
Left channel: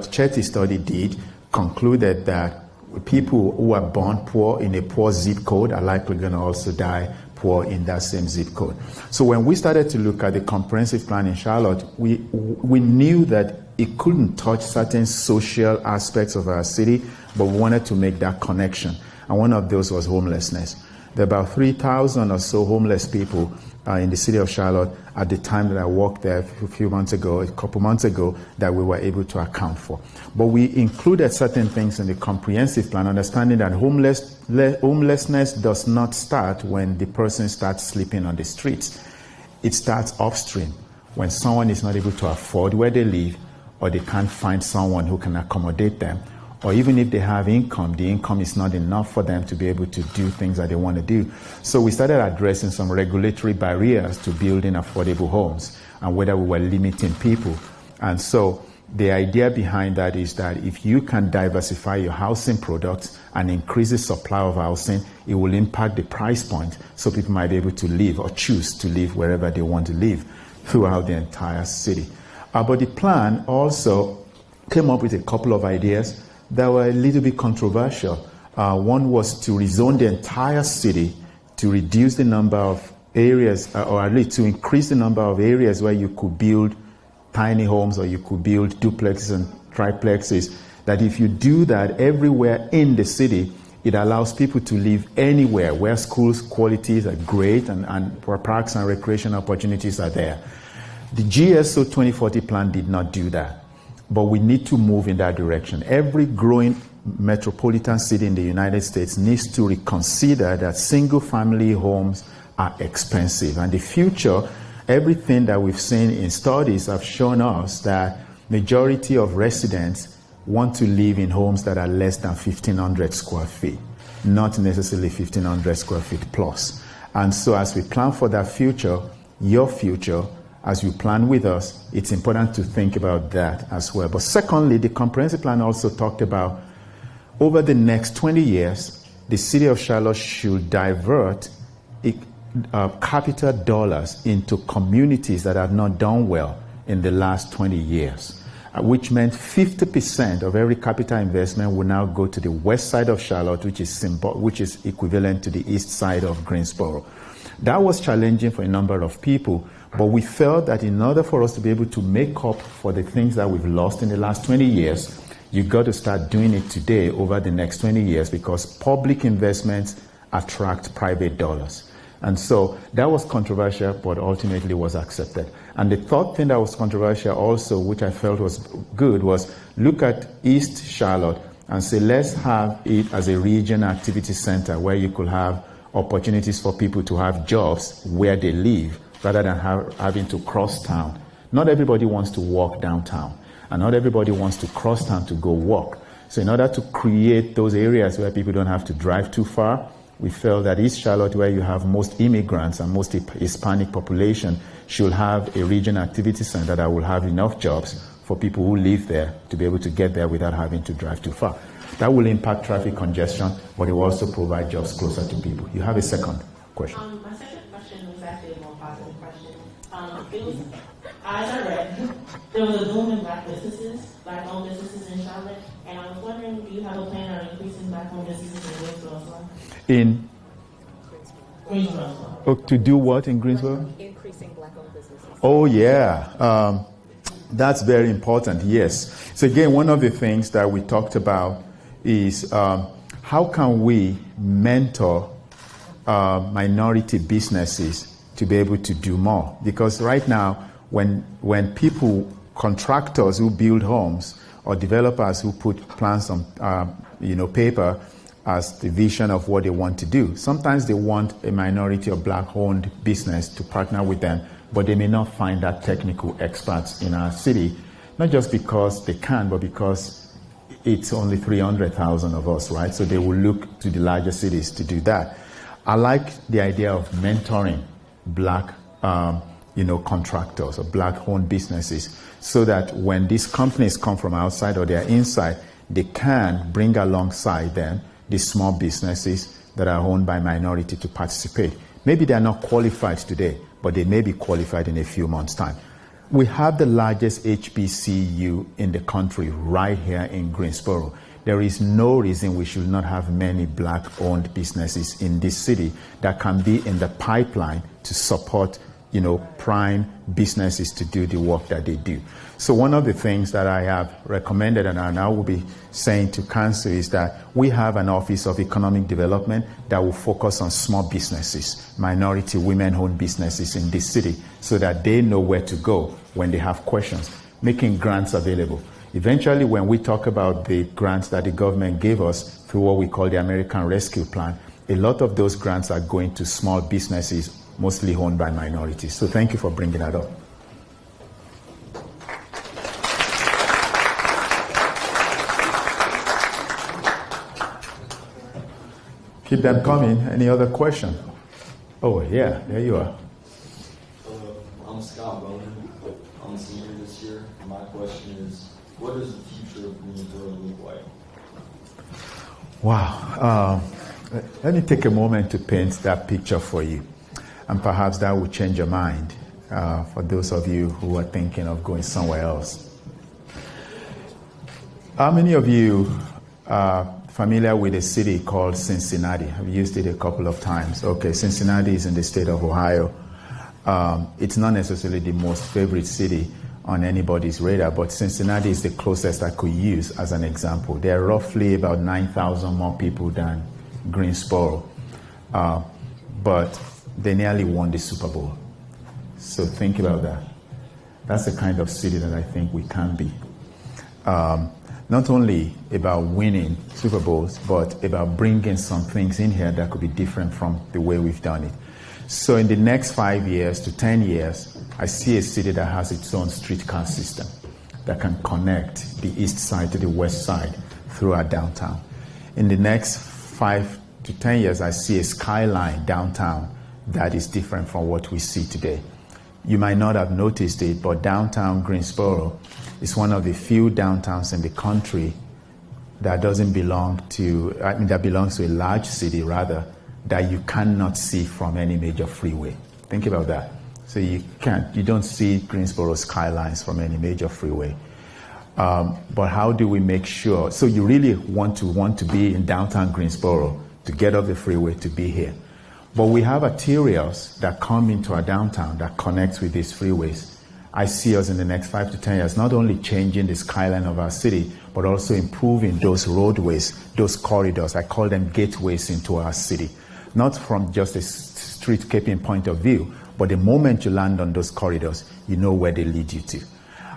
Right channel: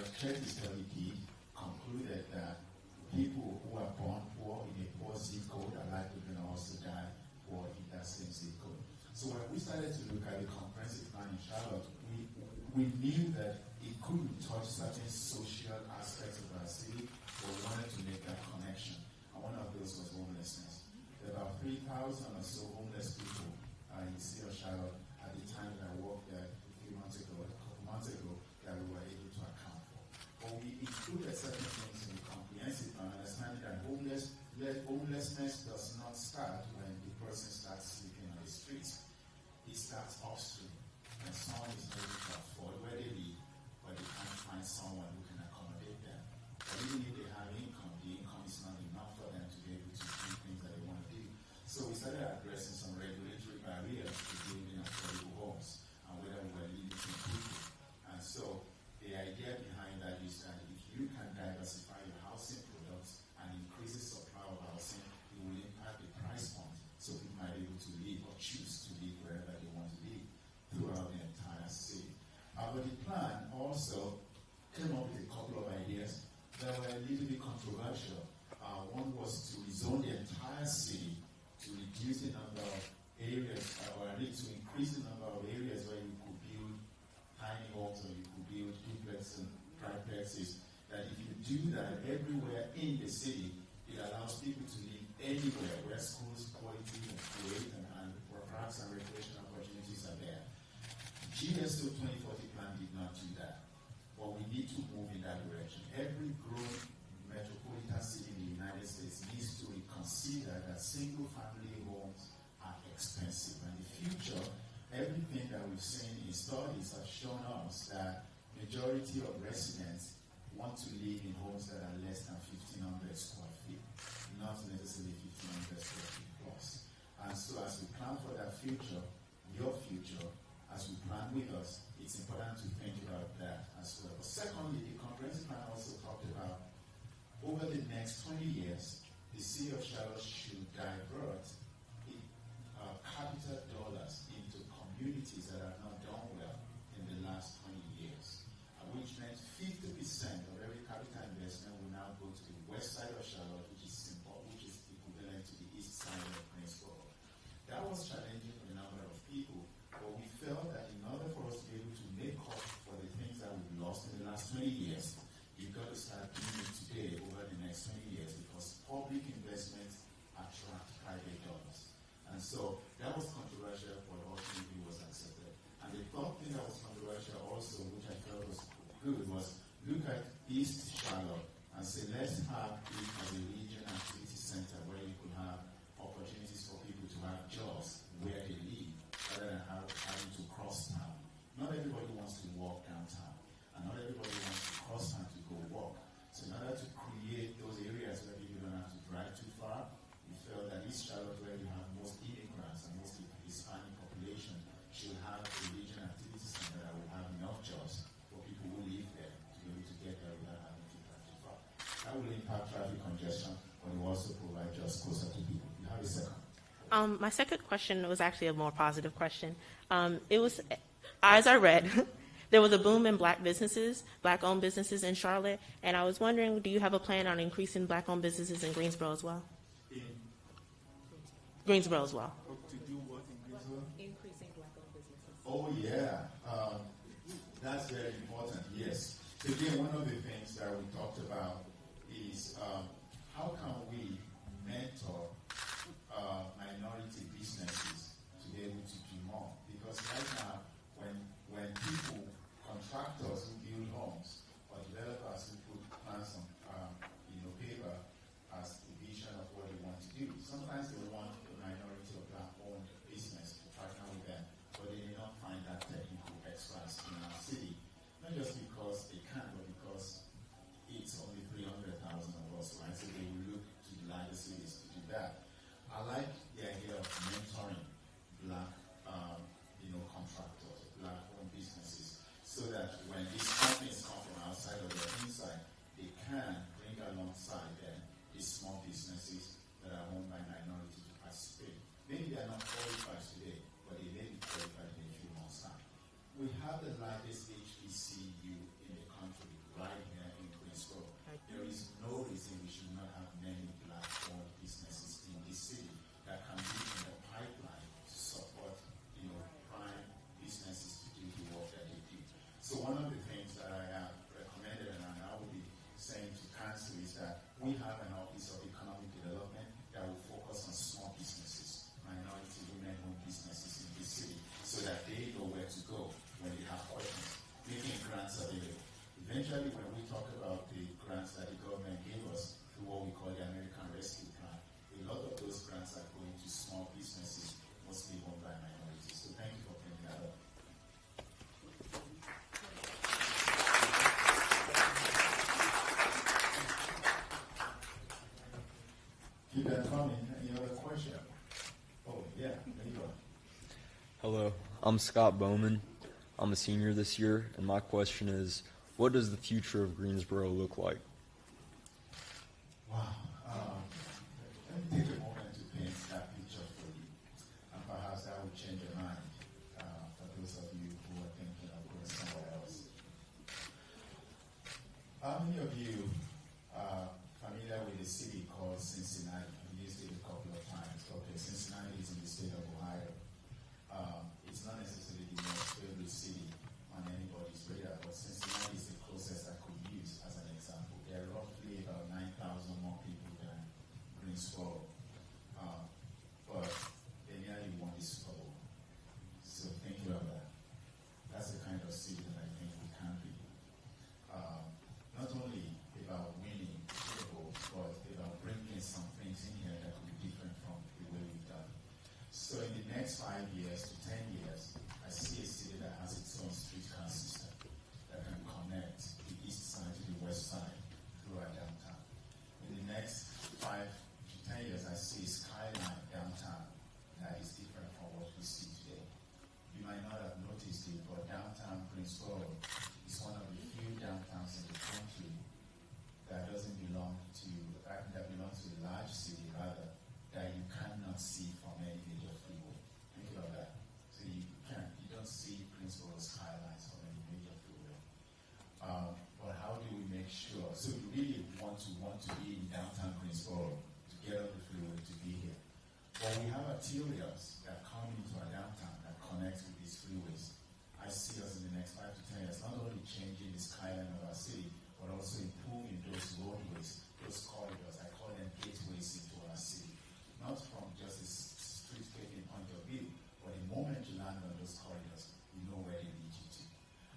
Chetty study did, concluded that people who are born poor in a poor zip code are likely going to also die poor in that same zip code. So when we started to look at the comprehensive plan in Charlotte, we knew that it couldn't touch certain social aspects of our city, but we wanted to make that connection. And one of those was homelessness. There are about 3,000 or so homeless people in the city of Charlotte at the time that I walked there a couple months ago, that we were able to account for. But we included certain things in the comprehensive plan, understanding that homelessness does not start when the person starts sleeping on the streets. It starts upstream, when someone is not able to afford where they live, or they can't find someone who can accommodate them. Or even if they have income, the income is not enough for them to be able to do things that they want to do. So we started addressing some regulatory barriers to building affordable homes and whether we were limiting people. And so the idea behind that is that if you can diversify your housing products and increase the supply of housing, it will impact the price point so people might be able to live or choose to live wherever they want to live throughout the entire city. But the plan also came up with a couple of ideas that were a little bit controversial. One was to rezone the entire city to reduce the number of areas, or at least to increase the number of areas where you could build tiny homes or you could build duplexes and triplexes. That if you do that everywhere in the city, it allows people to live anywhere where schools qualities are great and parks and recreation opportunities are there. The GSO 2040 plan did not do that. But we need to move in that direction. Every growing metropolitan city in the United States needs to reconsider that single-family homes are expensive. And the future, everything that we've seen in studies have shown us that majority of residents want to live in homes that are less than 1,500 square feet, not necessarily 1,500 square feet plus. And so as we plan for that future, your future, as you plan with us, it's important to think about that as well. But secondly, the comprehensive plan also talked about over the next 20 years, the city of Charlotte should divert capital dollars into communities that have not done well in the last 20 years. which meant 50% of every capital investment will now go to the west side of Charlotte, which is equivalent to the east side of Greensboro. That was challenging for a number of people, but we felt that in order for us to be able to make up for the things that we've lost in the last 20 years, you've got to start doing it today over the next 20 years, because public investments attract private dollars. And so that was controversial, but ultimately was accepted. And the third thing that was controversial also, which I felt was good, was look at East Charlotte and say, let's have it as a region activity center where you could have opportunities for people to have jobs where they live rather than having to cross town. Not everybody wants to walk downtown, and not everybody wants to cross town to go walk. So in order to create those areas where people don't have to drive too far, we felt that East Charlotte, where you have most immigrants and most Hispanic population, should have a region activity center that will have enough jobs for people who live there to be able to get there without having to drive too far. That will impact traffic congestion, but it will also provide jobs closer to people. You have a second question. My second question was actually a more positive question. It was, as I read, there was a boom in black businesses, black-owned businesses in Charlotte, and I was wondering, do you have a plan on increasing black-owned businesses in Greensboro as well? In Greensboro as well. Oh, to do what in Greensboro? Increasing black-owned businesses. Oh, yeah. That's very important, yes. So again, one of the things that we talked about is how can we mentor minority businesses to be able to do more? Because right now, when people, contractors who build homes or developers who put plans on paper as the vision of what they want to do, sometimes they want a minority or black-owned business to partner with them, but they may not find that technical experts in our city, not just because they can, but because it's only 300,000 of us, right? So they will look to the larger cities to do that. I like the idea of mentoring black, contractors or black-owned businesses, so that when these companies come from outside or they're inside, they can bring alongside them these small businesses that are owned by minority to participate. Maybe they're not qualified today, but they may be qualified in a few months' time. We have the largest HBCU in the country right here in Greensboro. There is no reason we should not have many black-owned businesses in this city that can be in the pipeline to support, prime businesses to do the work that they do. So one of the things that I have recommended and I now will be saying to council is that we have an Office of Economic Development that will focus on small businesses, minority women-owned businesses in this city, so that they know where to go when they have questions, making grants available. Eventually, when we talk about the grants that the government gave us through what we call the American Rescue Plan, a lot of those grants are going to small businesses, mostly owned by minorities. So thank you for bringing that up. Keep them coming. Any other question? Oh, yeah, there you are. Hello, I'm Scott Bowman. I'm a senior this year, and my question is, what does the future of Greensboro look like? Wow. Let me take a moment to paint that picture for you, and perhaps that will change your mind for those of you who are thinking of going somewhere else. How many of you are familiar with a city called Cincinnati? I've used it a couple of times. Okay, Cincinnati is in the state of Ohio. It's not necessarily the most favorite city on anybody's radar, but Cincinnati is the closest I could use as an example. There are roughly about 9,000 more people than Greensboro, but they nearly won the Super Bowl. So think about that. That's the kind of city that I think we can be. Not only about winning Super Bowls, but about bringing some things in here that could be different from the way we've done it. So in the next 5 years to 10 years, I see a city that has its own streetcar system that can connect the east side to the west side through our downtown. In the next 5 to 10 years, I see a skyline downtown that is different from what we see today. You might not have noticed it, but downtown Greensboro is one of the few downtowns in the country that doesn't belong to, that belongs to a large city rather, that you cannot see from any major freeway. Think about that. So you don't see Greensboro skylines from any major freeway. But how do we make sure? So you really want to be in downtown Greensboro to get off the freeway to be here. But we have arterials that come into our downtown that connects with these freeways. I see us in the next 5 to 10 years not only changing the skyline of our city, but also improving those roadways, those corridors. I call them gateways into our city. Not from just a streetscaping point of view, but the moment you land on those corridors, you know where they lead you to.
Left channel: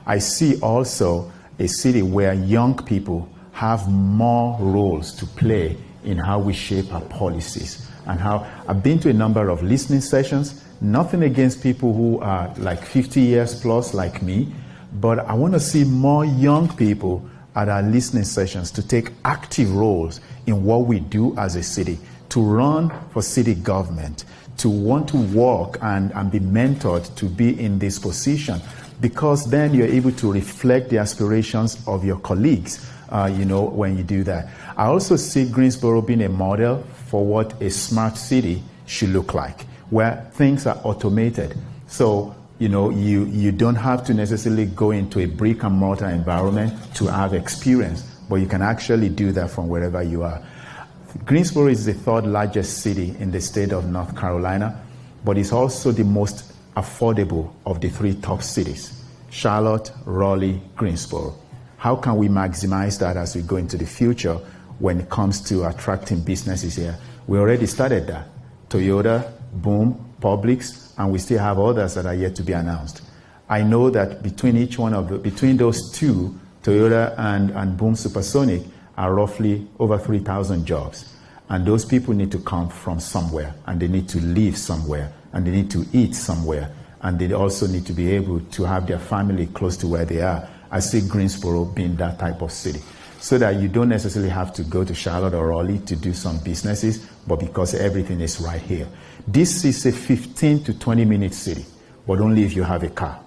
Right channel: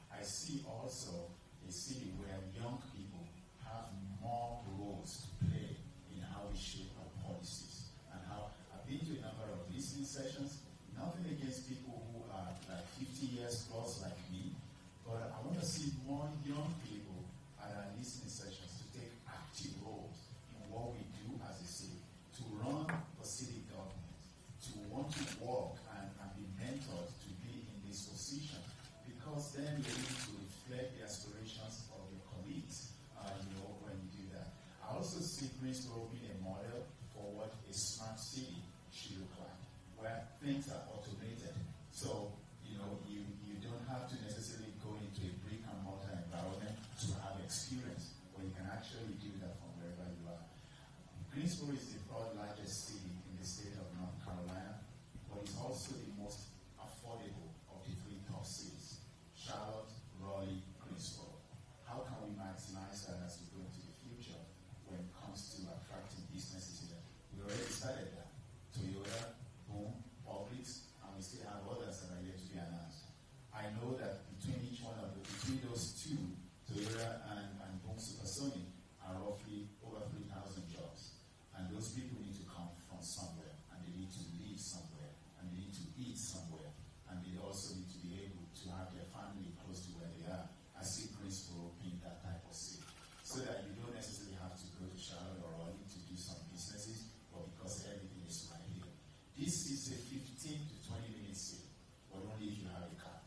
I see also a city where young people have more roles to play in how we shape our policies. And how I've been to a number of listening sessions, nothing against people who are like 50 years plus like me, but I want to see more young people at our listening sessions to take active roles in what we do as a city, to run for city government, to want to work and be mentored to be in this position, because then you're able to reflect the aspirations of your colleagues, when you do that. I also see Greensboro being a model for what a smart city should look like, where things are automated. So, you don't have to necessarily go into a brick and mortar environment to have experience, but you can actually do that from wherever you are. Greensboro is the third largest city in the state of North Carolina, but it's also the most affordable of the 3 top cities: Charlotte, Raleigh, Greensboro. How can we maximize that as we go into the future when it comes to attracting businesses here? We already started that. Toyota, Boom, Publix, and we still have others that are yet to be announced. I know that between those two, Toyota and Boom Supersonic, are roughly over 3,000 jobs. And those people need to come from somewhere, and they need to live somewhere, and they need to eat somewhere, and they also need to be able to have their family close to where they are. I see Greensboro being that type of city, so that you don't necessarily have to go to Charlotte or Raleigh to do some businesses, but because everything is right here. This is a 15 to 20-minute city, but only if you have a car.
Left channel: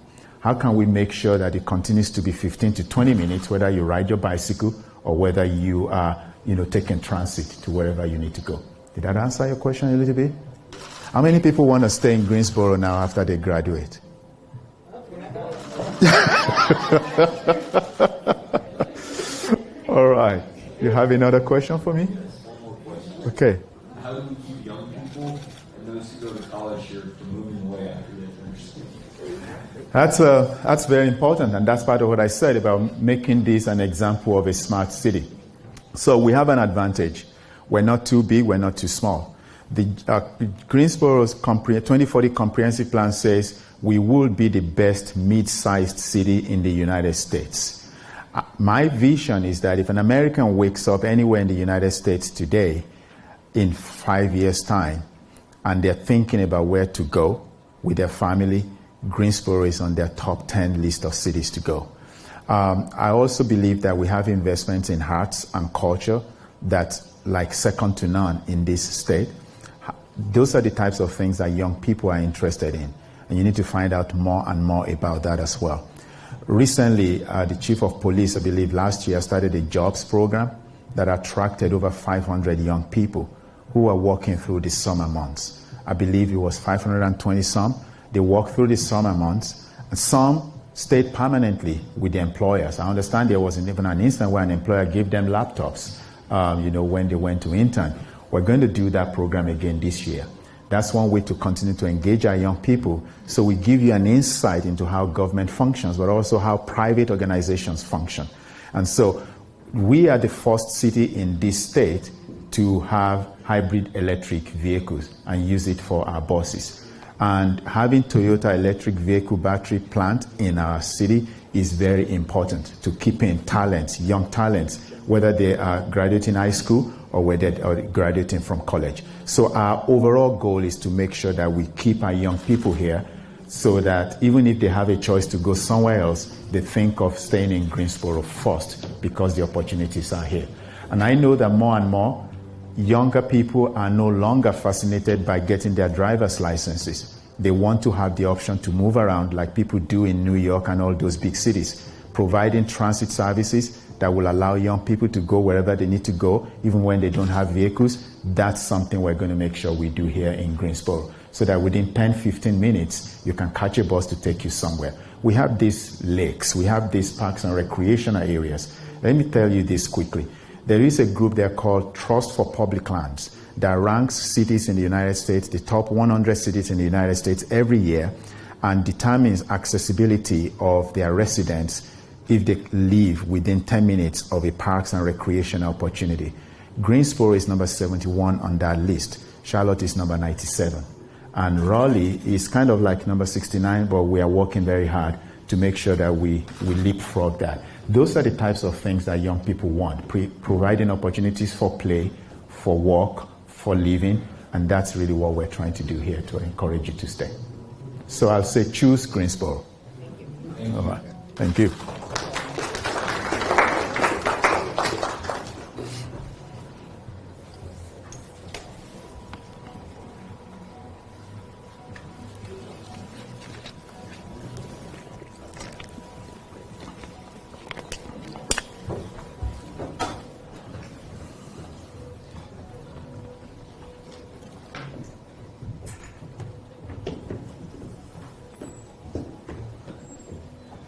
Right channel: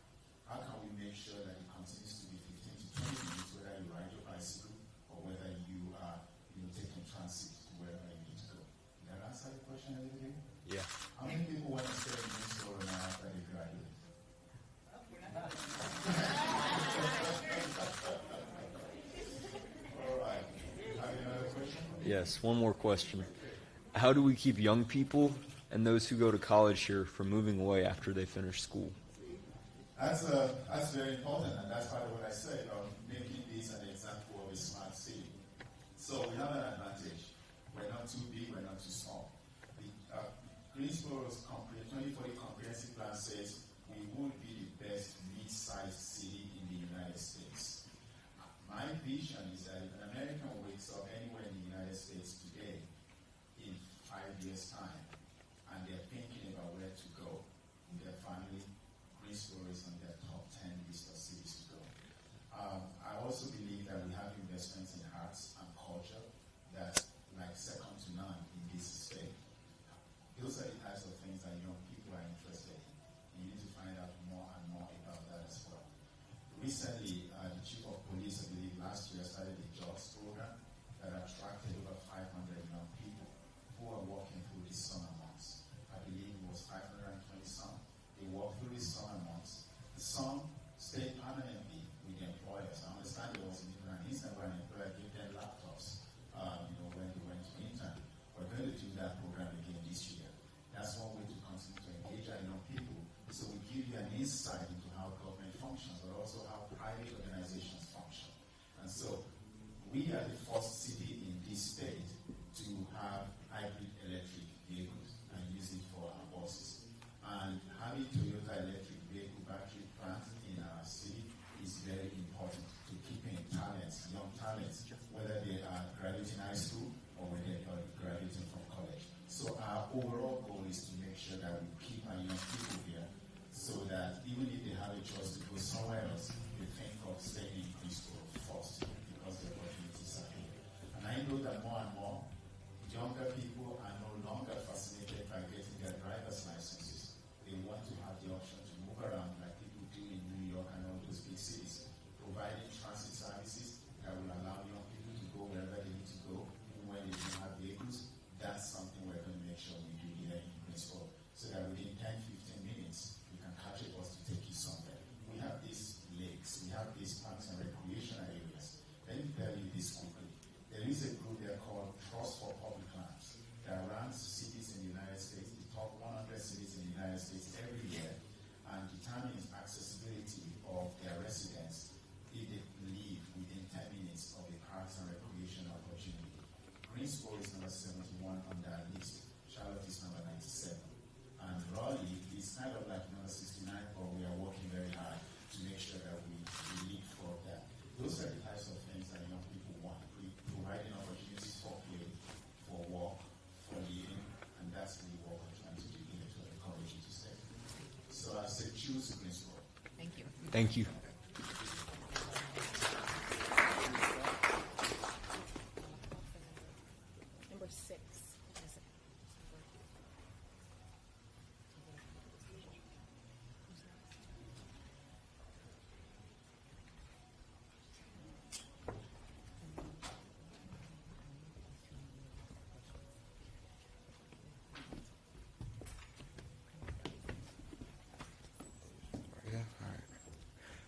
How can we make sure that it continues to be 15 to 20 minutes, whether you ride your bicycle or whether you are, taking transit to wherever you need to go? Did that answer your question a little bit? How many people want to stay in Greensboro now after they graduate? All right. You have another question for me? Yes, one more question. Okay. How do we keep young people and those who go to college here from moving away after they finish school? That's very important, and that's part of what I said about making this an example of a smart city. So we have an advantage. We're not too big, we're not too small. The Greensboro's 2040 comprehensive plan says we will be the best mid-sized city in the United States. My vision is that if an American wakes up anywhere in the United States today, in 5 years' time, and they're thinking about where to go with their family, Greensboro is on their top 10 list of cities to go. I also believe that we have investments in arts and culture that's like second to none in this state. Those are the types of things that young people are interested in, and you need to find out more and more about that as well. Recently, the chief of police, I believe last year, started a jobs program that attracted over 500 young people who are working through the summer months. I believe it was 520 some. They worked through the summer months, and some stayed permanently with the employers. I understand there was even an instance where an employer gave them laptops, when they went to intern. We're going to do that program again this year. That's one way to continue to engage our young people. So we give you an insight into how government functions, but also how private organizations function. And so we are the first city in this state to have hybrid electric vehicles and use it for our buses. And having Toyota electric vehicle battery plant in our city is very important to keeping talents, young talents, whether they are graduating high school or whether they are graduating from college. So our overall goal is to make sure that we keep our young people here so that even if they have a choice to go somewhere else, they think of staying in Greensboro first because the opportunities are here. And I know that more and more younger people are no longer fascinated by getting their driver's licenses. They want to have the option to move around like people do in New York and all those big cities, providing transit services that will allow young people to go wherever they need to go, even when they don't have vehicles. That's something we're going to make sure we do here in Greensboro, so that within 10, 15 minutes, you can catch a bus to take you somewhere. we have these lakes, we have these parks and recreational areas. Let me tell you this quickly. There is a group there called Trust for Public Lands that ranks cities in the United States, the top 100 cities in the United States every year, and determines accessibility of their residents if they live within 10 minutes of a parks and recreation opportunity. Greensboro is number 71 on that list. Charlotte is number 97. And Raleigh is kind of like number 69, but we are working very hard to make sure that we leapfrog that. Those are the types of things that young people want, providing opportunities for play, for work, for living, and that's really what we're trying to do here to encourage you to stay. So I'll say choose Greensboro. Thank you. Thank you. All right. Thank you.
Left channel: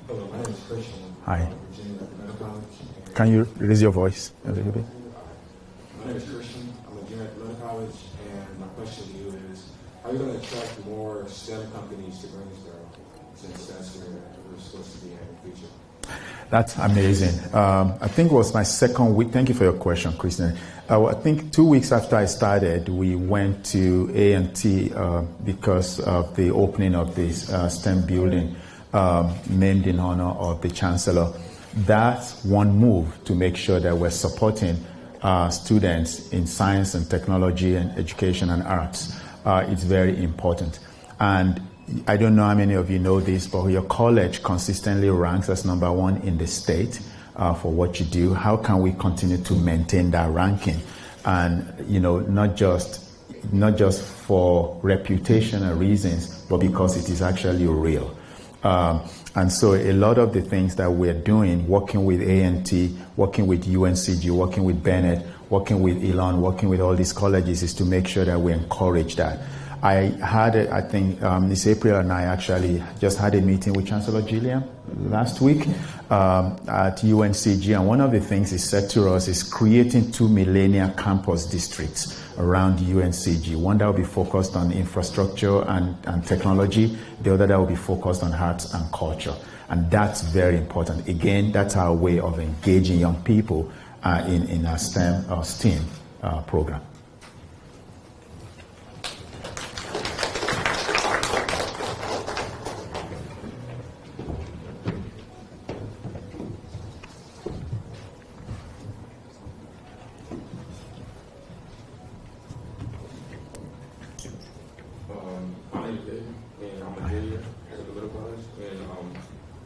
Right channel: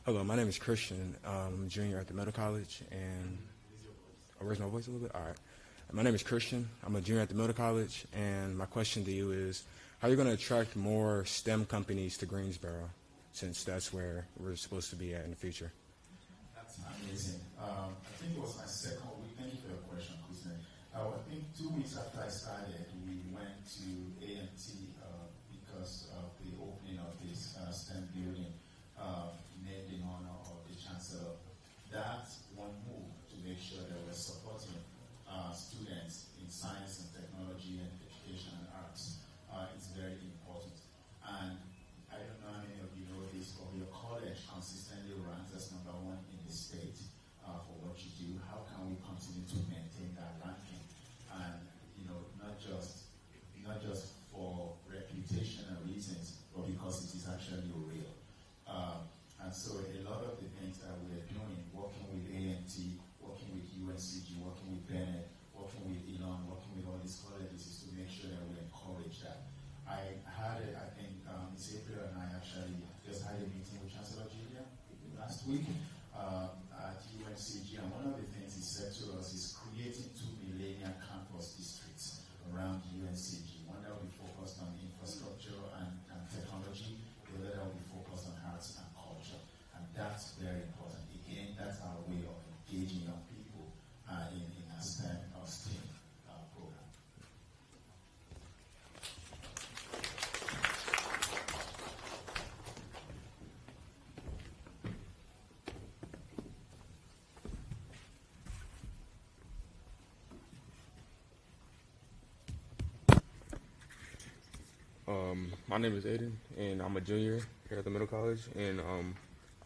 Hello, my name is Christian. Hi. I'm a junior at the Middle College. And Can you raise your voice a little bit? All right. My name is Christian. I'm a junior at the Middle College, and my question to you is, how are you going to attract more STEM companies to Greensboro, since that's where we're supposed to be at in the future? That's amazing. I think it was my second week. Thank you for your question, Christian. I think 2 weeks after I started, we went to A&T because of the opening of this STEM building named in honor of the Chancellor. That's one move to make sure that we're supporting students in science and technology and education and arts. It's very important. And I don't know how many of you know this, but your college consistently ranks as number one in the state for what you do. How can we continue to maintain that ranking? And not just for reputational reasons, but because it is actually real. And so a lot of the things that we're doing, working with A&T, working with UNCG, working with Bennett, working with Elon, working with all these colleges, is to make sure that we encourage that. I had, Ms. April and I actually just had a meeting with Chancellor Gilliam last week at UNCG, and one of the things he said to us is creating 2 millennial campus districts around UNCG. One that will be focused on infrastructure and technology, the other that will be focused on arts and culture. And that's very important. Again, that's our way of engaging young people in our STEM or STEAM program. My name is Eddie, and I'm a junior at the Middle College, and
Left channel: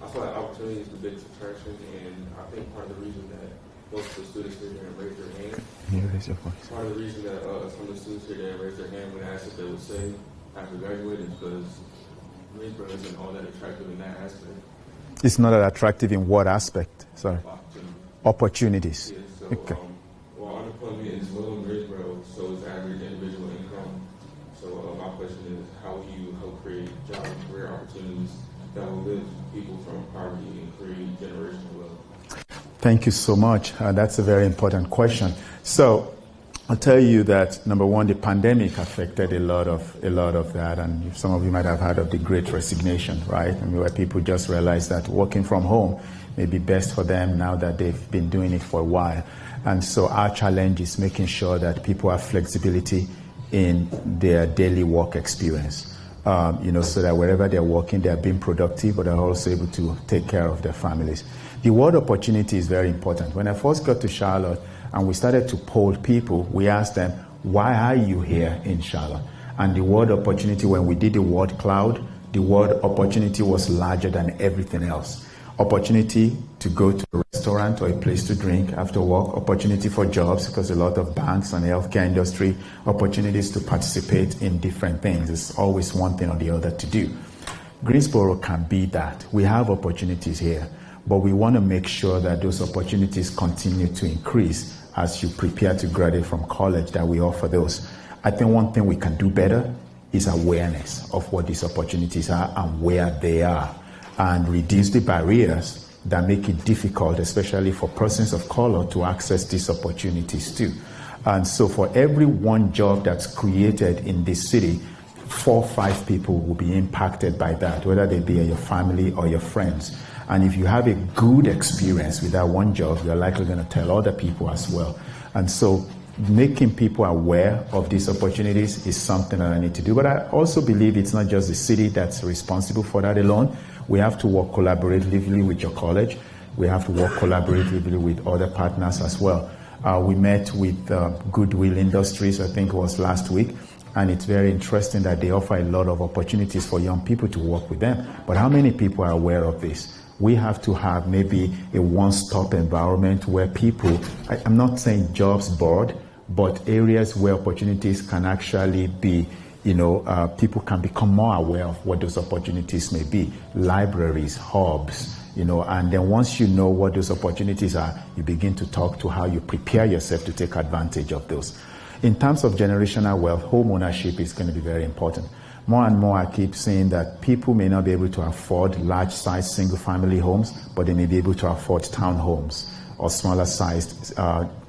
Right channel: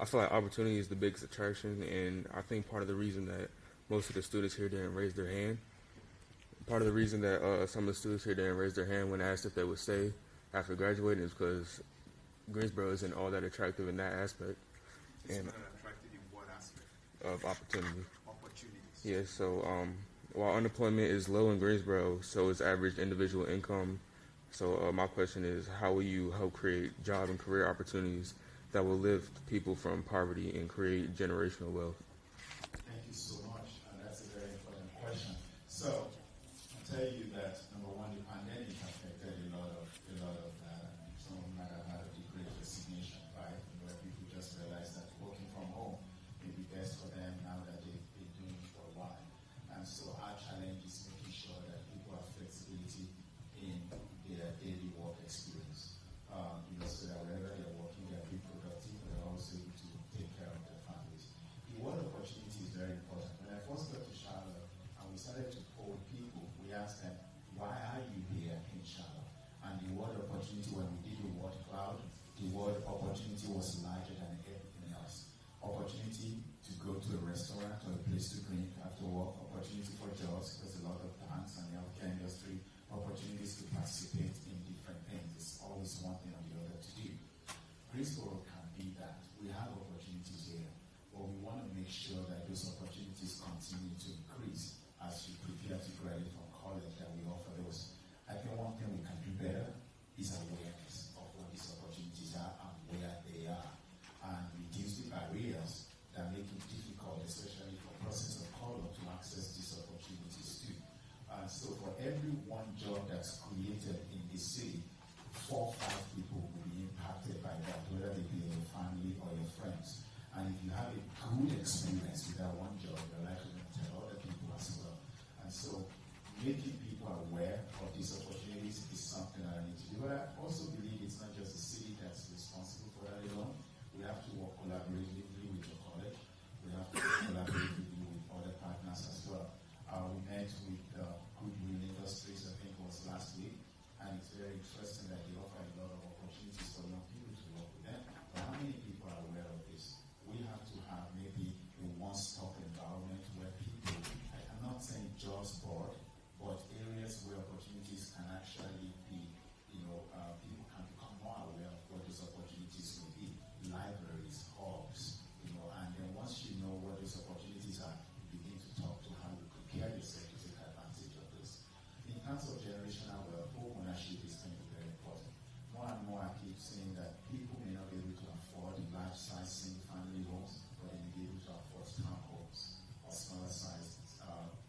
I feel like opportunity is the biggest attraction, and I think part of the reason that most of the students here didn't raise their hand, part of the reason that some of the students here didn't raise their hand when asked if they would say after graduating is because Greensboro isn't all that attractive in that aspect. It's not that attractive in what aspect? Sorry. Opportunities. Yes, so Okay. while unemployment is low in Greensboro, so is average individual income. So my question is, how will you help create job and career opportunities that will lift people from poverty and create generational wealth? Thank you so much. That's a very important question. So I'll tell you that, number one, the pandemic affected a lot of that, and some of you might have heard of the Great Resignation, right? I mean, where people just realized that working from home may be best for them now that they've been doing it for a while. And so our challenge is making sure that people have flexibility in their daily work experience, so that wherever they're working, they're being productive, but they're also able to take care of their families. The word opportunity is very important. When I first got to Charlotte and we started to poll people, we asked them, why are you here in Charlotte? And the word opportunity, when we did the word cloud, the word opportunity was larger than everything else. Opportunity to go to a restaurant or a place to drink after work, opportunity for jobs, because a lot of banks and the healthcare industry, opportunities to participate in different things. There's always one thing or the other to do. Greensboro can be that. We have opportunities here, but we want to make sure that those opportunities continue to increase as you prepare to graduate from college, that we offer those. I think one thing we can do better is awareness of what these opportunities are and where they are. and reduce the barriers that make it difficult, especially for persons of color, to access these opportunities too. And so for every one job that's created in this city, 4 or 5 people will be impacted by that, whether they be your family or your friends. And if you have a good experience with that one job, you're likely going to tell other people as well. And so making people aware of these opportunities is something that I need to do. But I also believe it's not just the city that's responsible for that alone. We have to work collaboratively with your college. We have to work collaboratively with other partners as well. We met with Goodwill Industries, I think it was last week, and it's very interesting that they offer a lot of opportunities for young people to work with them. But how many people are aware of this? We have to have maybe a one-stop environment where people, I'm not saying jobs board, but areas where opportunities can actually be, people can become more aware of what those opportunities may be. Libraries, hubs, and then once you know what those opportunities are, you begin to talk to how you prepare yourself to take advantage of those. In terms of generational wealth, home ownership is going to be very important. More and more, I keep saying that people may not be able to afford large-sized single-family homes, but they may be able to afford townhomes or smaller-sized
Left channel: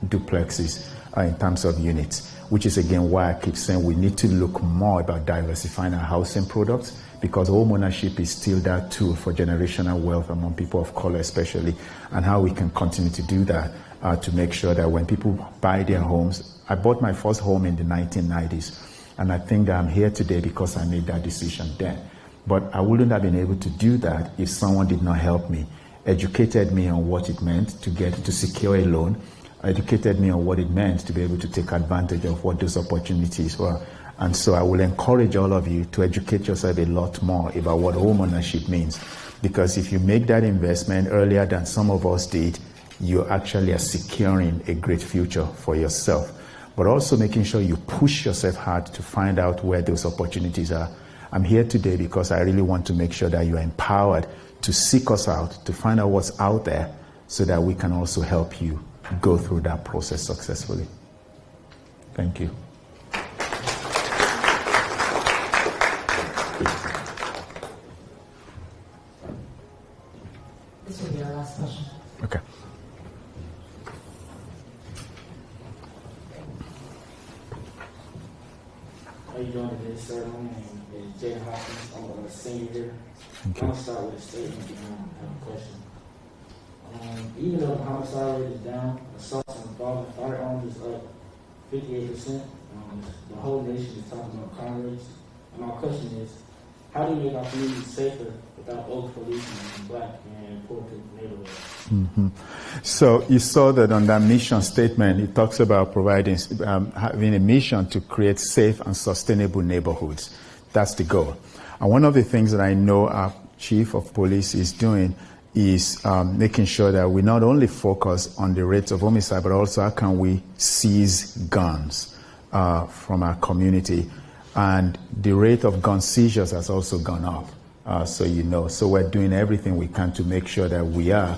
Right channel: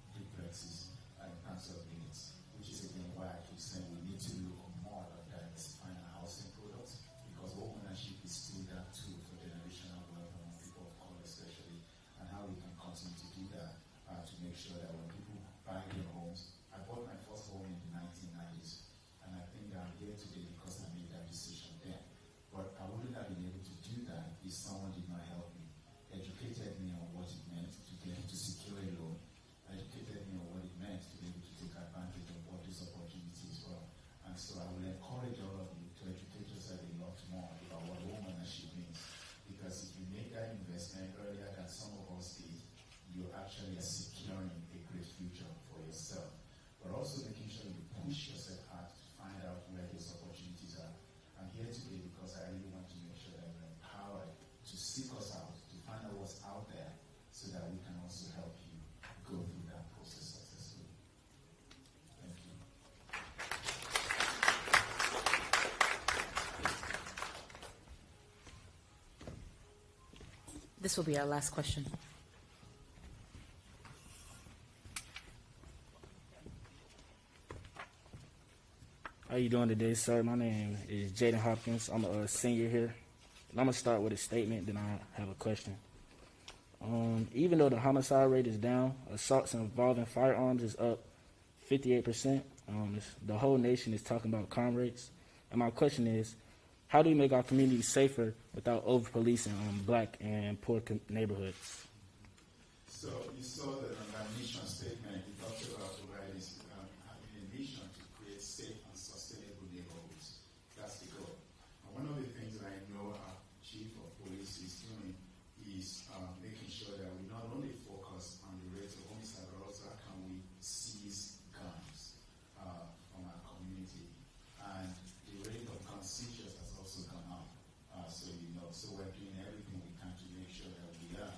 duplexes in terms of units, which is, again, why I keep saying we need to look more about diversifying our housing products, because home ownership is still that tool for generational wealth among people of color especially, and how we can continue to do that to make sure that when people buy their homes. I bought my first home in the 1990s, and I think that I'm here today because I made that decision then. But I wouldn't have been able to do that if someone did not help me, educated me on what it meant to secure a loan, educated me on what it meant to be able to take advantage of what those opportunities were. And so I will encourage all of you to educate yourself a lot more about what home ownership means. Because if you make that investment earlier than some of us did, you actually are securing a great future for yourself. But also making sure you push yourself hard to find out where those opportunities are. I'm here today because I really want to make sure that you're empowered to seek us out, to find out what's out there, so that we can also help you go through that process successfully. Thank you. This will be our last question. Okay. How are you doing today, sir? My name is Jaden Hopkins. I'm a senior here. I'm going to start with a statement and I have a question. Even though the homicide rate is down, assaults involving firearms is up 58%. The whole nation is talking about crime rates. And my question is, how do we make our communities safer without over-policing in Black and poor neighborhoods? Mm-hmm. So you saw that on that mission statement, it talks about providing, having a mission to create safe and sustainable neighborhoods. That's the goal. And one of the things that I know our chief of police is doing is making sure that we not only focus on the rates of homicide, but also how can we seize guns from our community. And the rate of gun seizures has also gone up, so you know. So we're doing everything we can to make sure that we are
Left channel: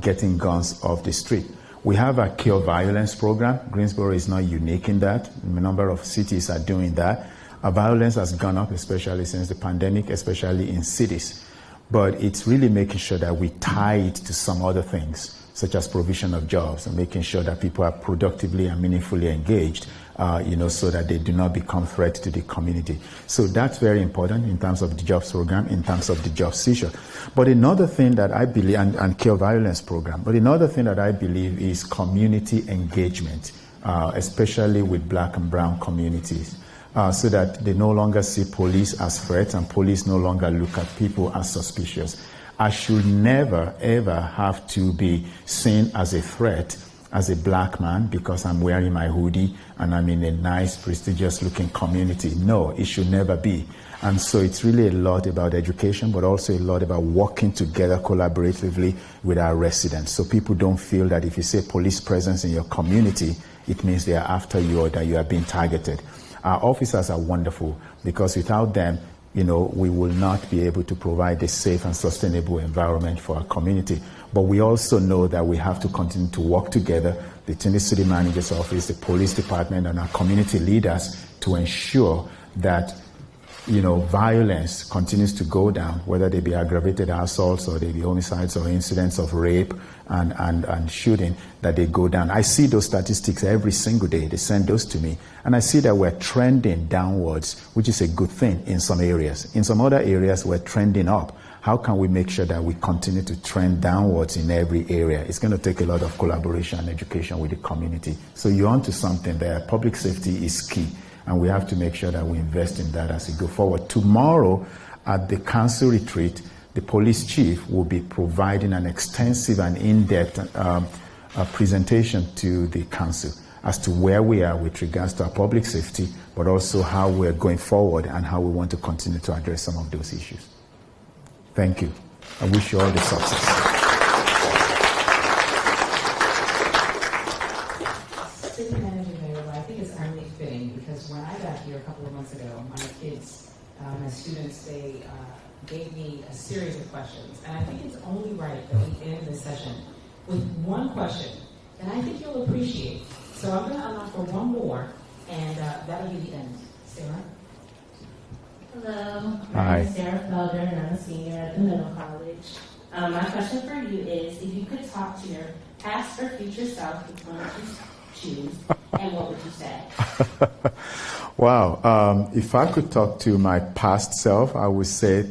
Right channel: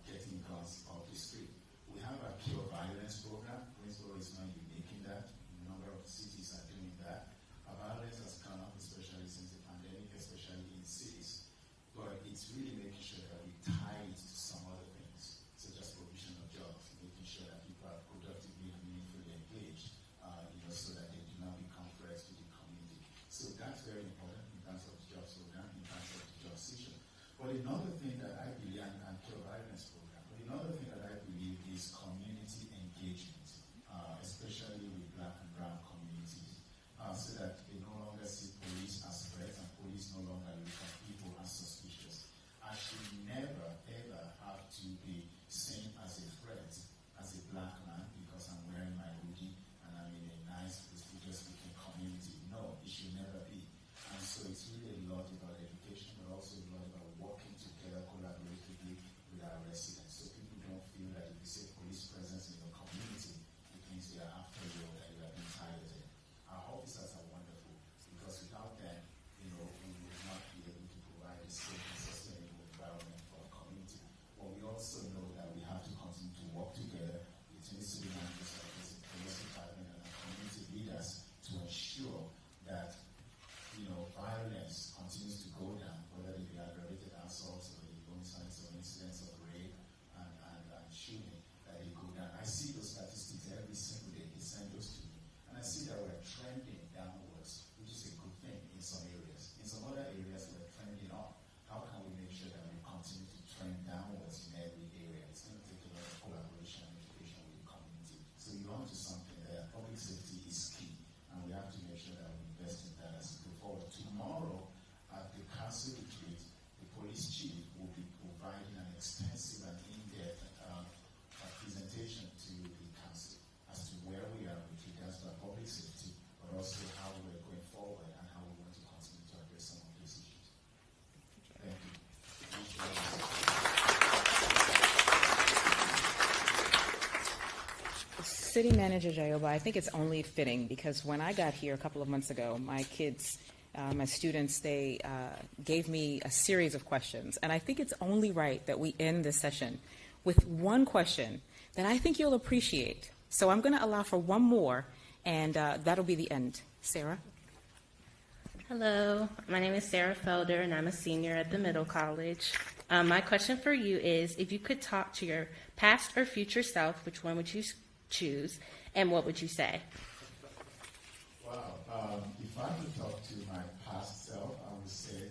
getting guns off the street. We have a Kill Violence program. Greensboro is not unique in that. A number of cities are doing that. Violence has gone up, especially since the pandemic, especially in cities. But it's really making sure that we tie it to some other things, such as provision of jobs and making sure that people are productively and meaningfully engaged, so that they do not become threat to the community. So that's very important in terms of the jobs program, in terms of the job seizure. But another thing that I believe, and Kill Violence program, but another thing that I believe is community engagement, especially with Black and brown communities. So that they no longer see police as threats and police no longer look at people as suspicious. I should never, ever have to be seen as a threat as a Black man because I'm wearing my hoodie and I'm in a nice, prestigious-looking community. No, it should never be. And so it's really a lot about education, but also a lot about working together collaboratively with our residents. So people don't feel that if you say police presence in your community, it means they are after you or that you are being targeted. Our officers are wonderful because without them, we will not be able to provide a safe and sustainable environment for our community. But we also know that we have to continue to work together between the city manager's office, the police department, and our community leaders to ensure that violence continues to go down, whether they be aggravated assaults or they be homicides or incidents of rape and shooting, that they go down. I see those statistics every single day. They send those to me. And I see that we're trending downwards, which is a good thing in some areas. In some other areas, we're trending up. How can we make sure that we continue to trend downwards in every area? It's going to take a lot of collaboration and education with the community. So you're onto something there. Public safety is key, and we have to make sure that we invest in that as we go forward. Tomorrow, at the council retreat, the police chief will be providing an extensive and in-depth presentation to the council as to where we are with regards to our public safety, but also how we're going forward and how we want to continue to address some of those issues. Thank you. I wish you all the success. City Manager Jaiyeoba, I think it's only fitting because when I got here a couple of months ago, my kids, my students, they gave me a series of questions. And I think it's only right that we end this session with one question that I think you'll appreciate. So I'm going to allow for one more, and that'll be the end. Sarah? Hello, my name is Sarah Felder, and I'm a senior at the middle college. My question for you is, if you could talk to your past or future self, which one would you choose, and what would you say? Wow. If I could talk to my past self, I would say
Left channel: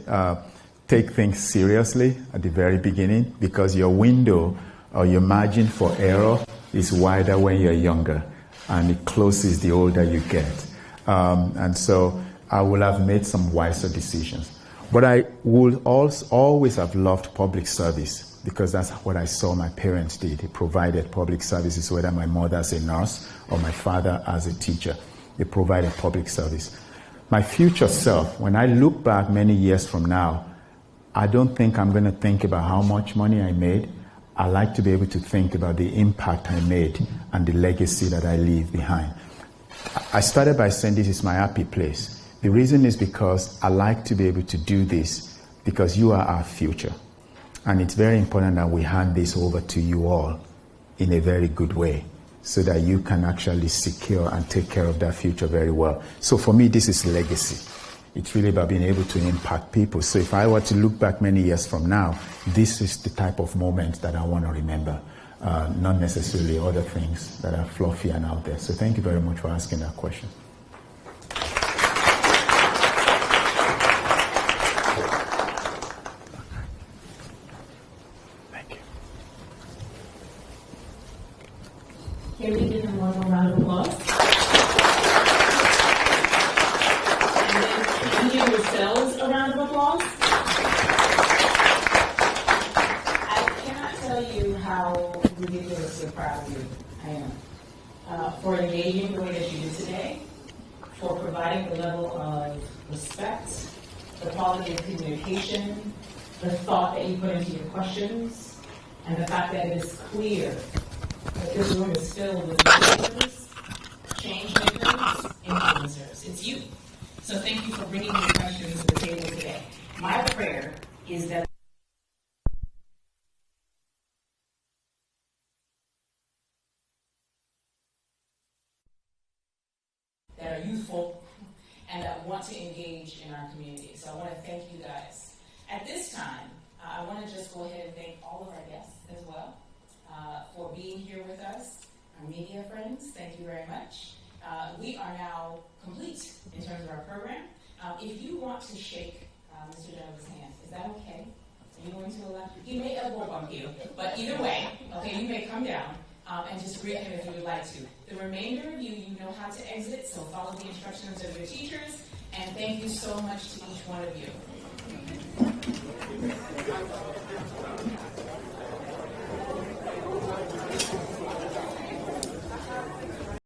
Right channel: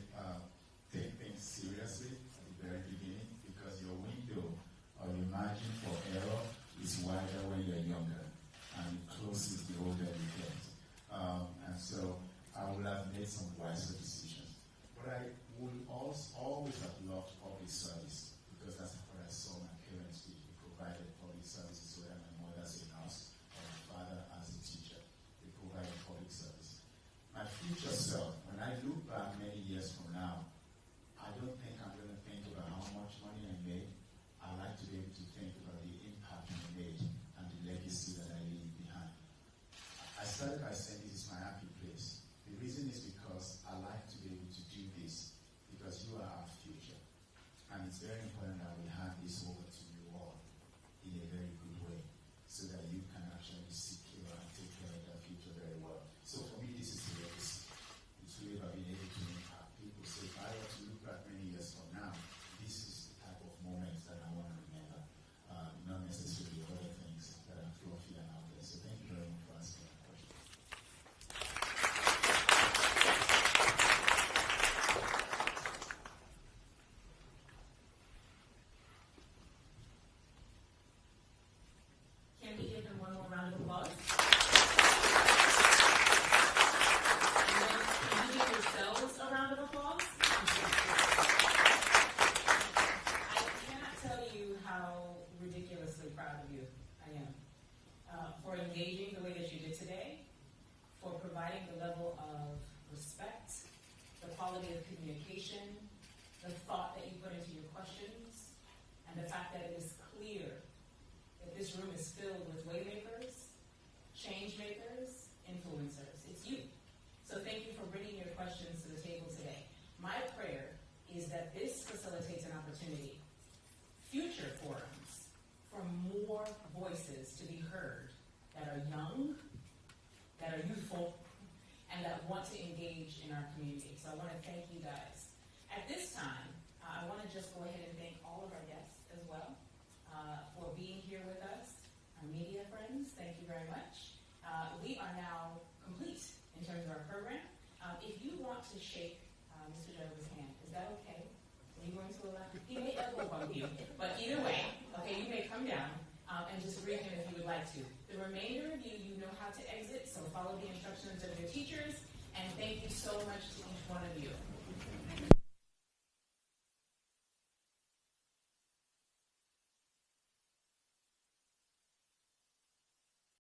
take things seriously at the very beginning, because your window or your margin for error is wider when you're younger, and it closes the older you get. And so I will have made some wiser decisions. But I would always have loved public service, because that's what I saw my parents did. They provided public services, whether my mother as a nurse or my father as a teacher. They provided public service. My future self, when I look back many years from now, I don't think I'm going to think about how much money I made. I like to be able to think about the impact I made and the legacy that I leave behind. I started by saying this is my happy place. The reason is because I like to be able to do this because you are our future. And it's very important that we hand this over to you all in a very good way so that you can actually secure and take care of that future very well. So for me, this is legacy. It's really about being able to impact people. So if I were to look back many years from now, this is the type of moment that I want to remember, not necessarily other things that are fluffy and out there. So thank you very much for asking that question. Can we give him one more round of applause? And then can you give yourselves a round of applause? I cannot tell you how ridiculously proud of you I am for engaging the way that you did today, for providing the level of respect, the quality of communication, the thought that you put into your questions, and the fact that it is clear that this room is filled with leaders, change makers, influencers. It's you. So thank you for bringing your questions to the table today. My prayer is that this facilitates an opportunity, future forums, for more voices to be heard that are young, that are youthful, and that want to engage in our community. So I want to thank you guys. At this time, I want to just go ahead and thank all of our guests as well. For being here with us, our media friends, thank you very much. We are now complete in terms of our program. If you want to shake Mr. Jaiyeoba's hand, is that okay? Are you going to allow? He may elbow bump you, but either way, okay, you may come down and just greet him if you would like to. The remainder of you, you know how to exit, so follow the instructions of your teachers, and thank you so much to each one of you.